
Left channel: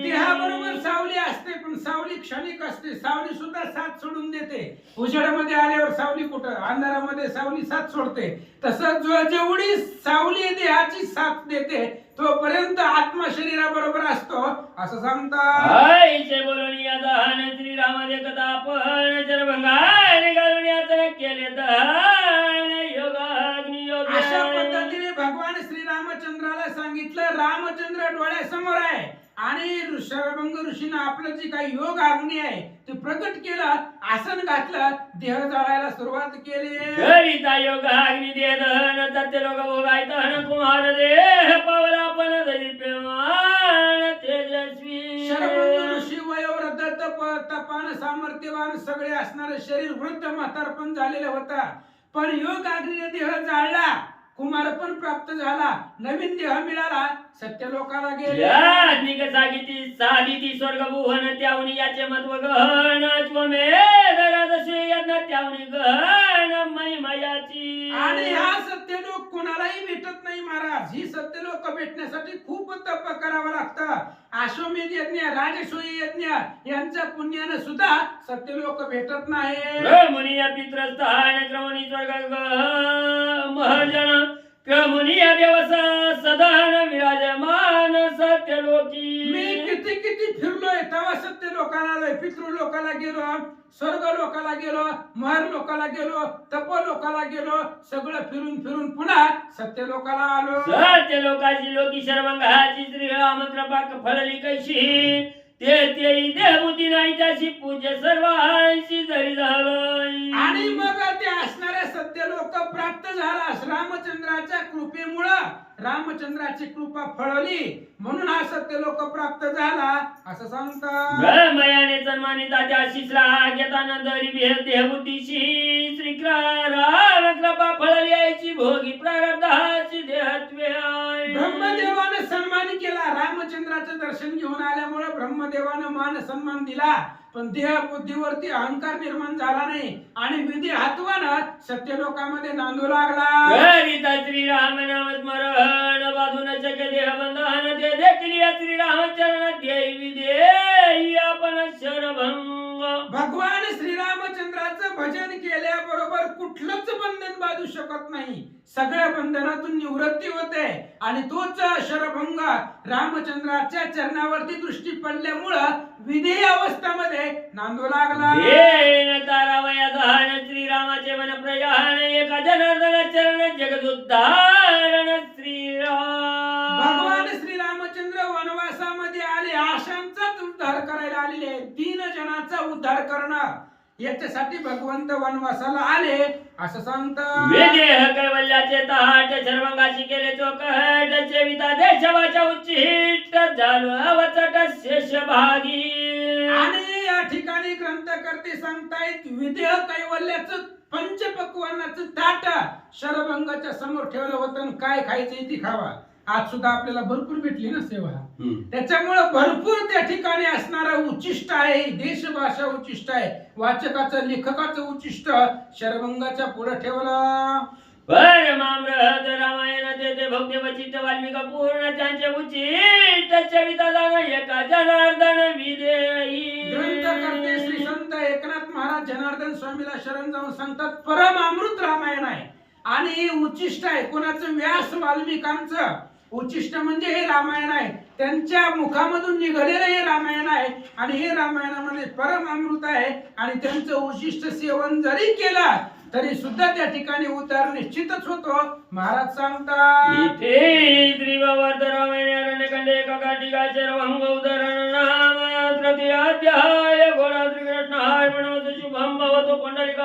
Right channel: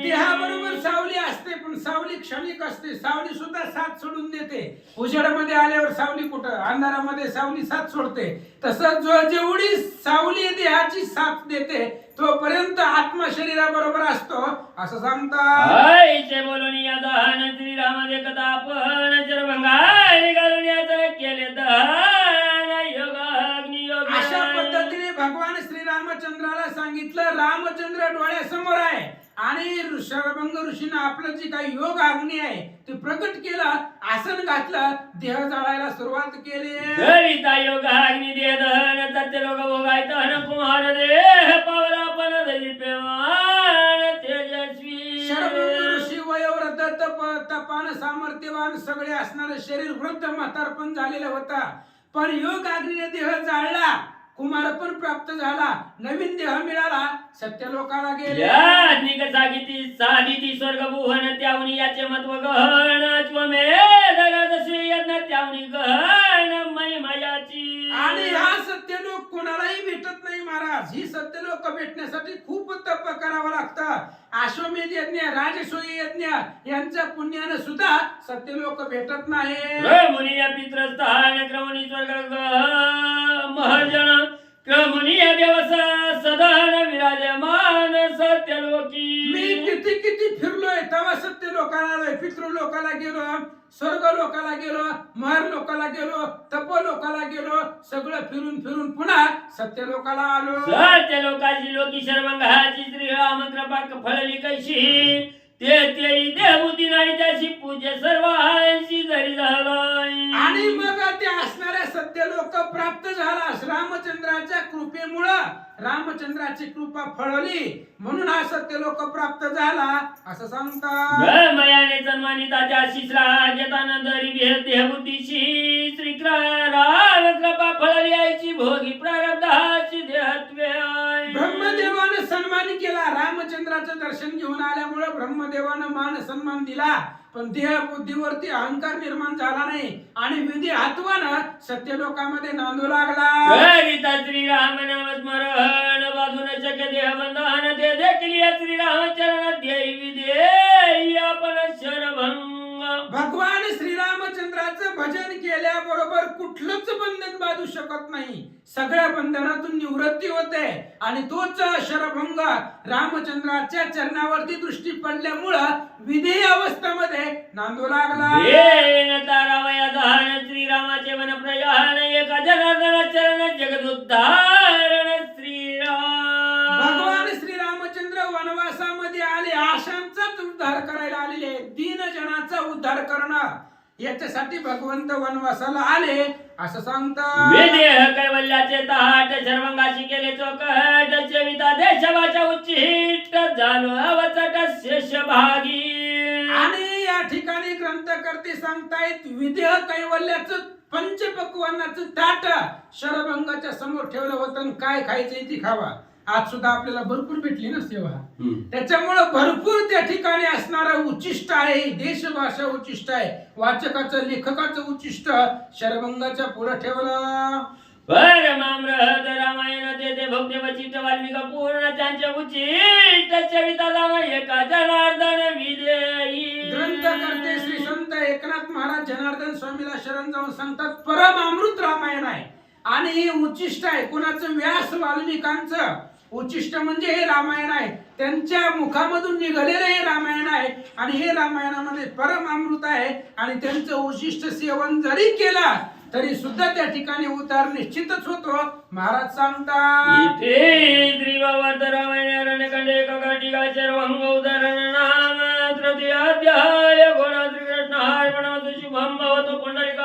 देहाबरोबर सावली असते, पण सावली क्षणिक असते. सावली सुद्धा साथ सोडून देते. उजेडामध्ये आल्यावर सावली कुठं, अंधारामध्ये सावली साथ सोडते. तसं जेवढी सावली देहाची साथ देते तोपर्यंत आत्मा शरीराबरोबर असतो, असं सांगतात. बोलून या दहन श्रीराम देखता आपण चरभंगाने घालून याचं केले दहन योगाग्नी योग. अशा पद्धतीने भगवान श्रीरामचंद्राला सांगितलं. रामचंद्र डोळ्यासमोर आहे आणि शरभंग ऋषीनं आपलं जी काही योग अग्नी आहे ते प्रकट केलं, आसन घातलं, देह जाळायला सुरुवात केली. करिता योग अग्नी देह दहन सत्य लोक भोगाय दहन कुमार देह पावला पण दीप्यमान तेजस्वी. शरभंग ऋषी वयोवृद्ध तपान सामर्थ्यवान सगळे असणारे शरीर वृद्ध म्हातारपण झालेलं होता, पण योग अग्नीने देह जाळला कुमारपण प्राप्त झाला, नवीन देह मिळाला, सत्यलोकाला गेले. याज्ञिक सांगिती साधिती स्वर्ग भुवन त्यावनी याचे महत्व गहन अश्वमेध राजसूय यज्ञ त्यावनी गहन महिमायाची. आणि हा सत्यलोक कोणालाही भेटत नाही महाराज. ही सत्यलोक भेटण्यासाठी खूप तप करावं लागतं. अश्वमेध यज्ञ, राजसूय यज्ञ यांच्या पुण्यानं सुद्धा सत्यलोक भेटत नाही. मुनी पित्रस्थान क्रमणी स्वर्ग महर्जन क्रमणी दिवस सदान विराजमान सत्यलोकी. मी किती किती फिरलोय तेव्हा सत्य लोकाला आलोय. पितृ लोकाला गेलो, स्वर्ग लोकाला गेलो, महर लोकाला गेलो, तप लोकाला गेलो, सगळं फिरून फिरून पुन्हा सत्य लोकाला आलो. सत्यलोकाची लोकी शर्वंगाची श्रीराम कृपा फळली कैशी ते देवबुद्धी नाही त्याची पूज्य सर्वांशी जरी झालं. आणि मग ते असणाऱ्या सत्य लोक प्राप्त झाला रामचंद्राच्या कृपेमुळं. रामचंद्राची कृपा फळवली म्हणून हा सत्य लोक प्राप्त झाला असं सांगतात. मयाने सन्मानिताच्या शिश्रा घेतानंद देहबुद्धीशी श्री राम कृपा फळली यायची भोगी प्रारब्धाची देहत्वे. ब्रह्मदेवानं सन्मान केला. रामचंद्राचं दर्शन घेऊन आल्यामुळे ब्रह्मदेवानं मान सन्मान दिला, पण देह बुद्धीवरती अहंकार निर्माण झाला नाही आणि विधी हातवानं सत्यलोकामध्ये नांदू लागला. श्रीराम नाम स्मरण बाजून शक्य देह बंधन ते देखील श्रीरामचरण देवी देई आपण शरभंग. भगवान श्रीरामचंद्राचं भजन केल्याबरोबर कुठलंच बंधन बांधू शकत नाही. सगळ्या बंधनातून निवृत्ती होते आणि तोच शरभंग रामचंद्राच्या चरणावरती दृष्टी पडल्यामुळं विधेय अवस्थेमध्ये नांदू लागला. श्रीरामाचे मन प्रयाण एका जनार्दन चरण जगदुद्धारण श्रीराम. भगवान श्रीरामचंद्र वनवासामध्ये आले, आशांचाच उद्धार करायला आलेले, दीन जनाचा उद्धार करणं याच्यासाठी भगवंत वनवासाला आले असं सांगतात. विदेह कैवल्याचे तहाट शर्वंगाशी केले चोकट चेविता देशवाच्या उच्चिष्ट झालो अवचट शेष भागी. आणि या ठिकाणी ग्रंथकर्ते सांगतायत विदेह कैवल्याचं पंचपक्वान्नाचं ताट शरभंगाच्या समोर ठेवलं होतं आणि काय खायचं ती खावा. आज सुद्धा आपल्याला भरपूर भेटली ना सेवा. त्याच्यामुळे भरपूर त्या ठिकाणी असणारं उच्चिष्ट आहे, देशभाषा उच्चिष्ट आहे, वाचकाचं लेखकाचं उच्चिष्ट शरभंगाच्या पुढे ठेवलं. परमामृत रामायण ते भक्ती वचित वाल्मिक पूर्ण त्यांचे उचित चविता जाण एका जनार्दन विदेई. ग्रंथकर्ते श्री संत एकनाथ महाराज जनार्दन स्वामीला शरण जाऊन सांगतात परमामृत रामायण आहे आणि हे उच्चिष्ट आहे. कोणाचं? व्यास वाल्मिकांचं उच्चिष्ट म्हणजे हे रामायण आहे. त्यांच्या मुखामधून निघालेलं हे रामायण आहे आणि हे रामायणामध्ये परमामृत आहे आणि त्यांचं उच्चिष्ट सेवन जरी केलं तरी सुद्धा त्या ठिकाणी उद्धार निश्चितच होतो. महाराज सांगतात रामायण काका सर्वंग उदाहरण नाम तृतीय अध्याय घोडा श्रीकृष्ण अर्पण शुभम भवतो पुंडलिका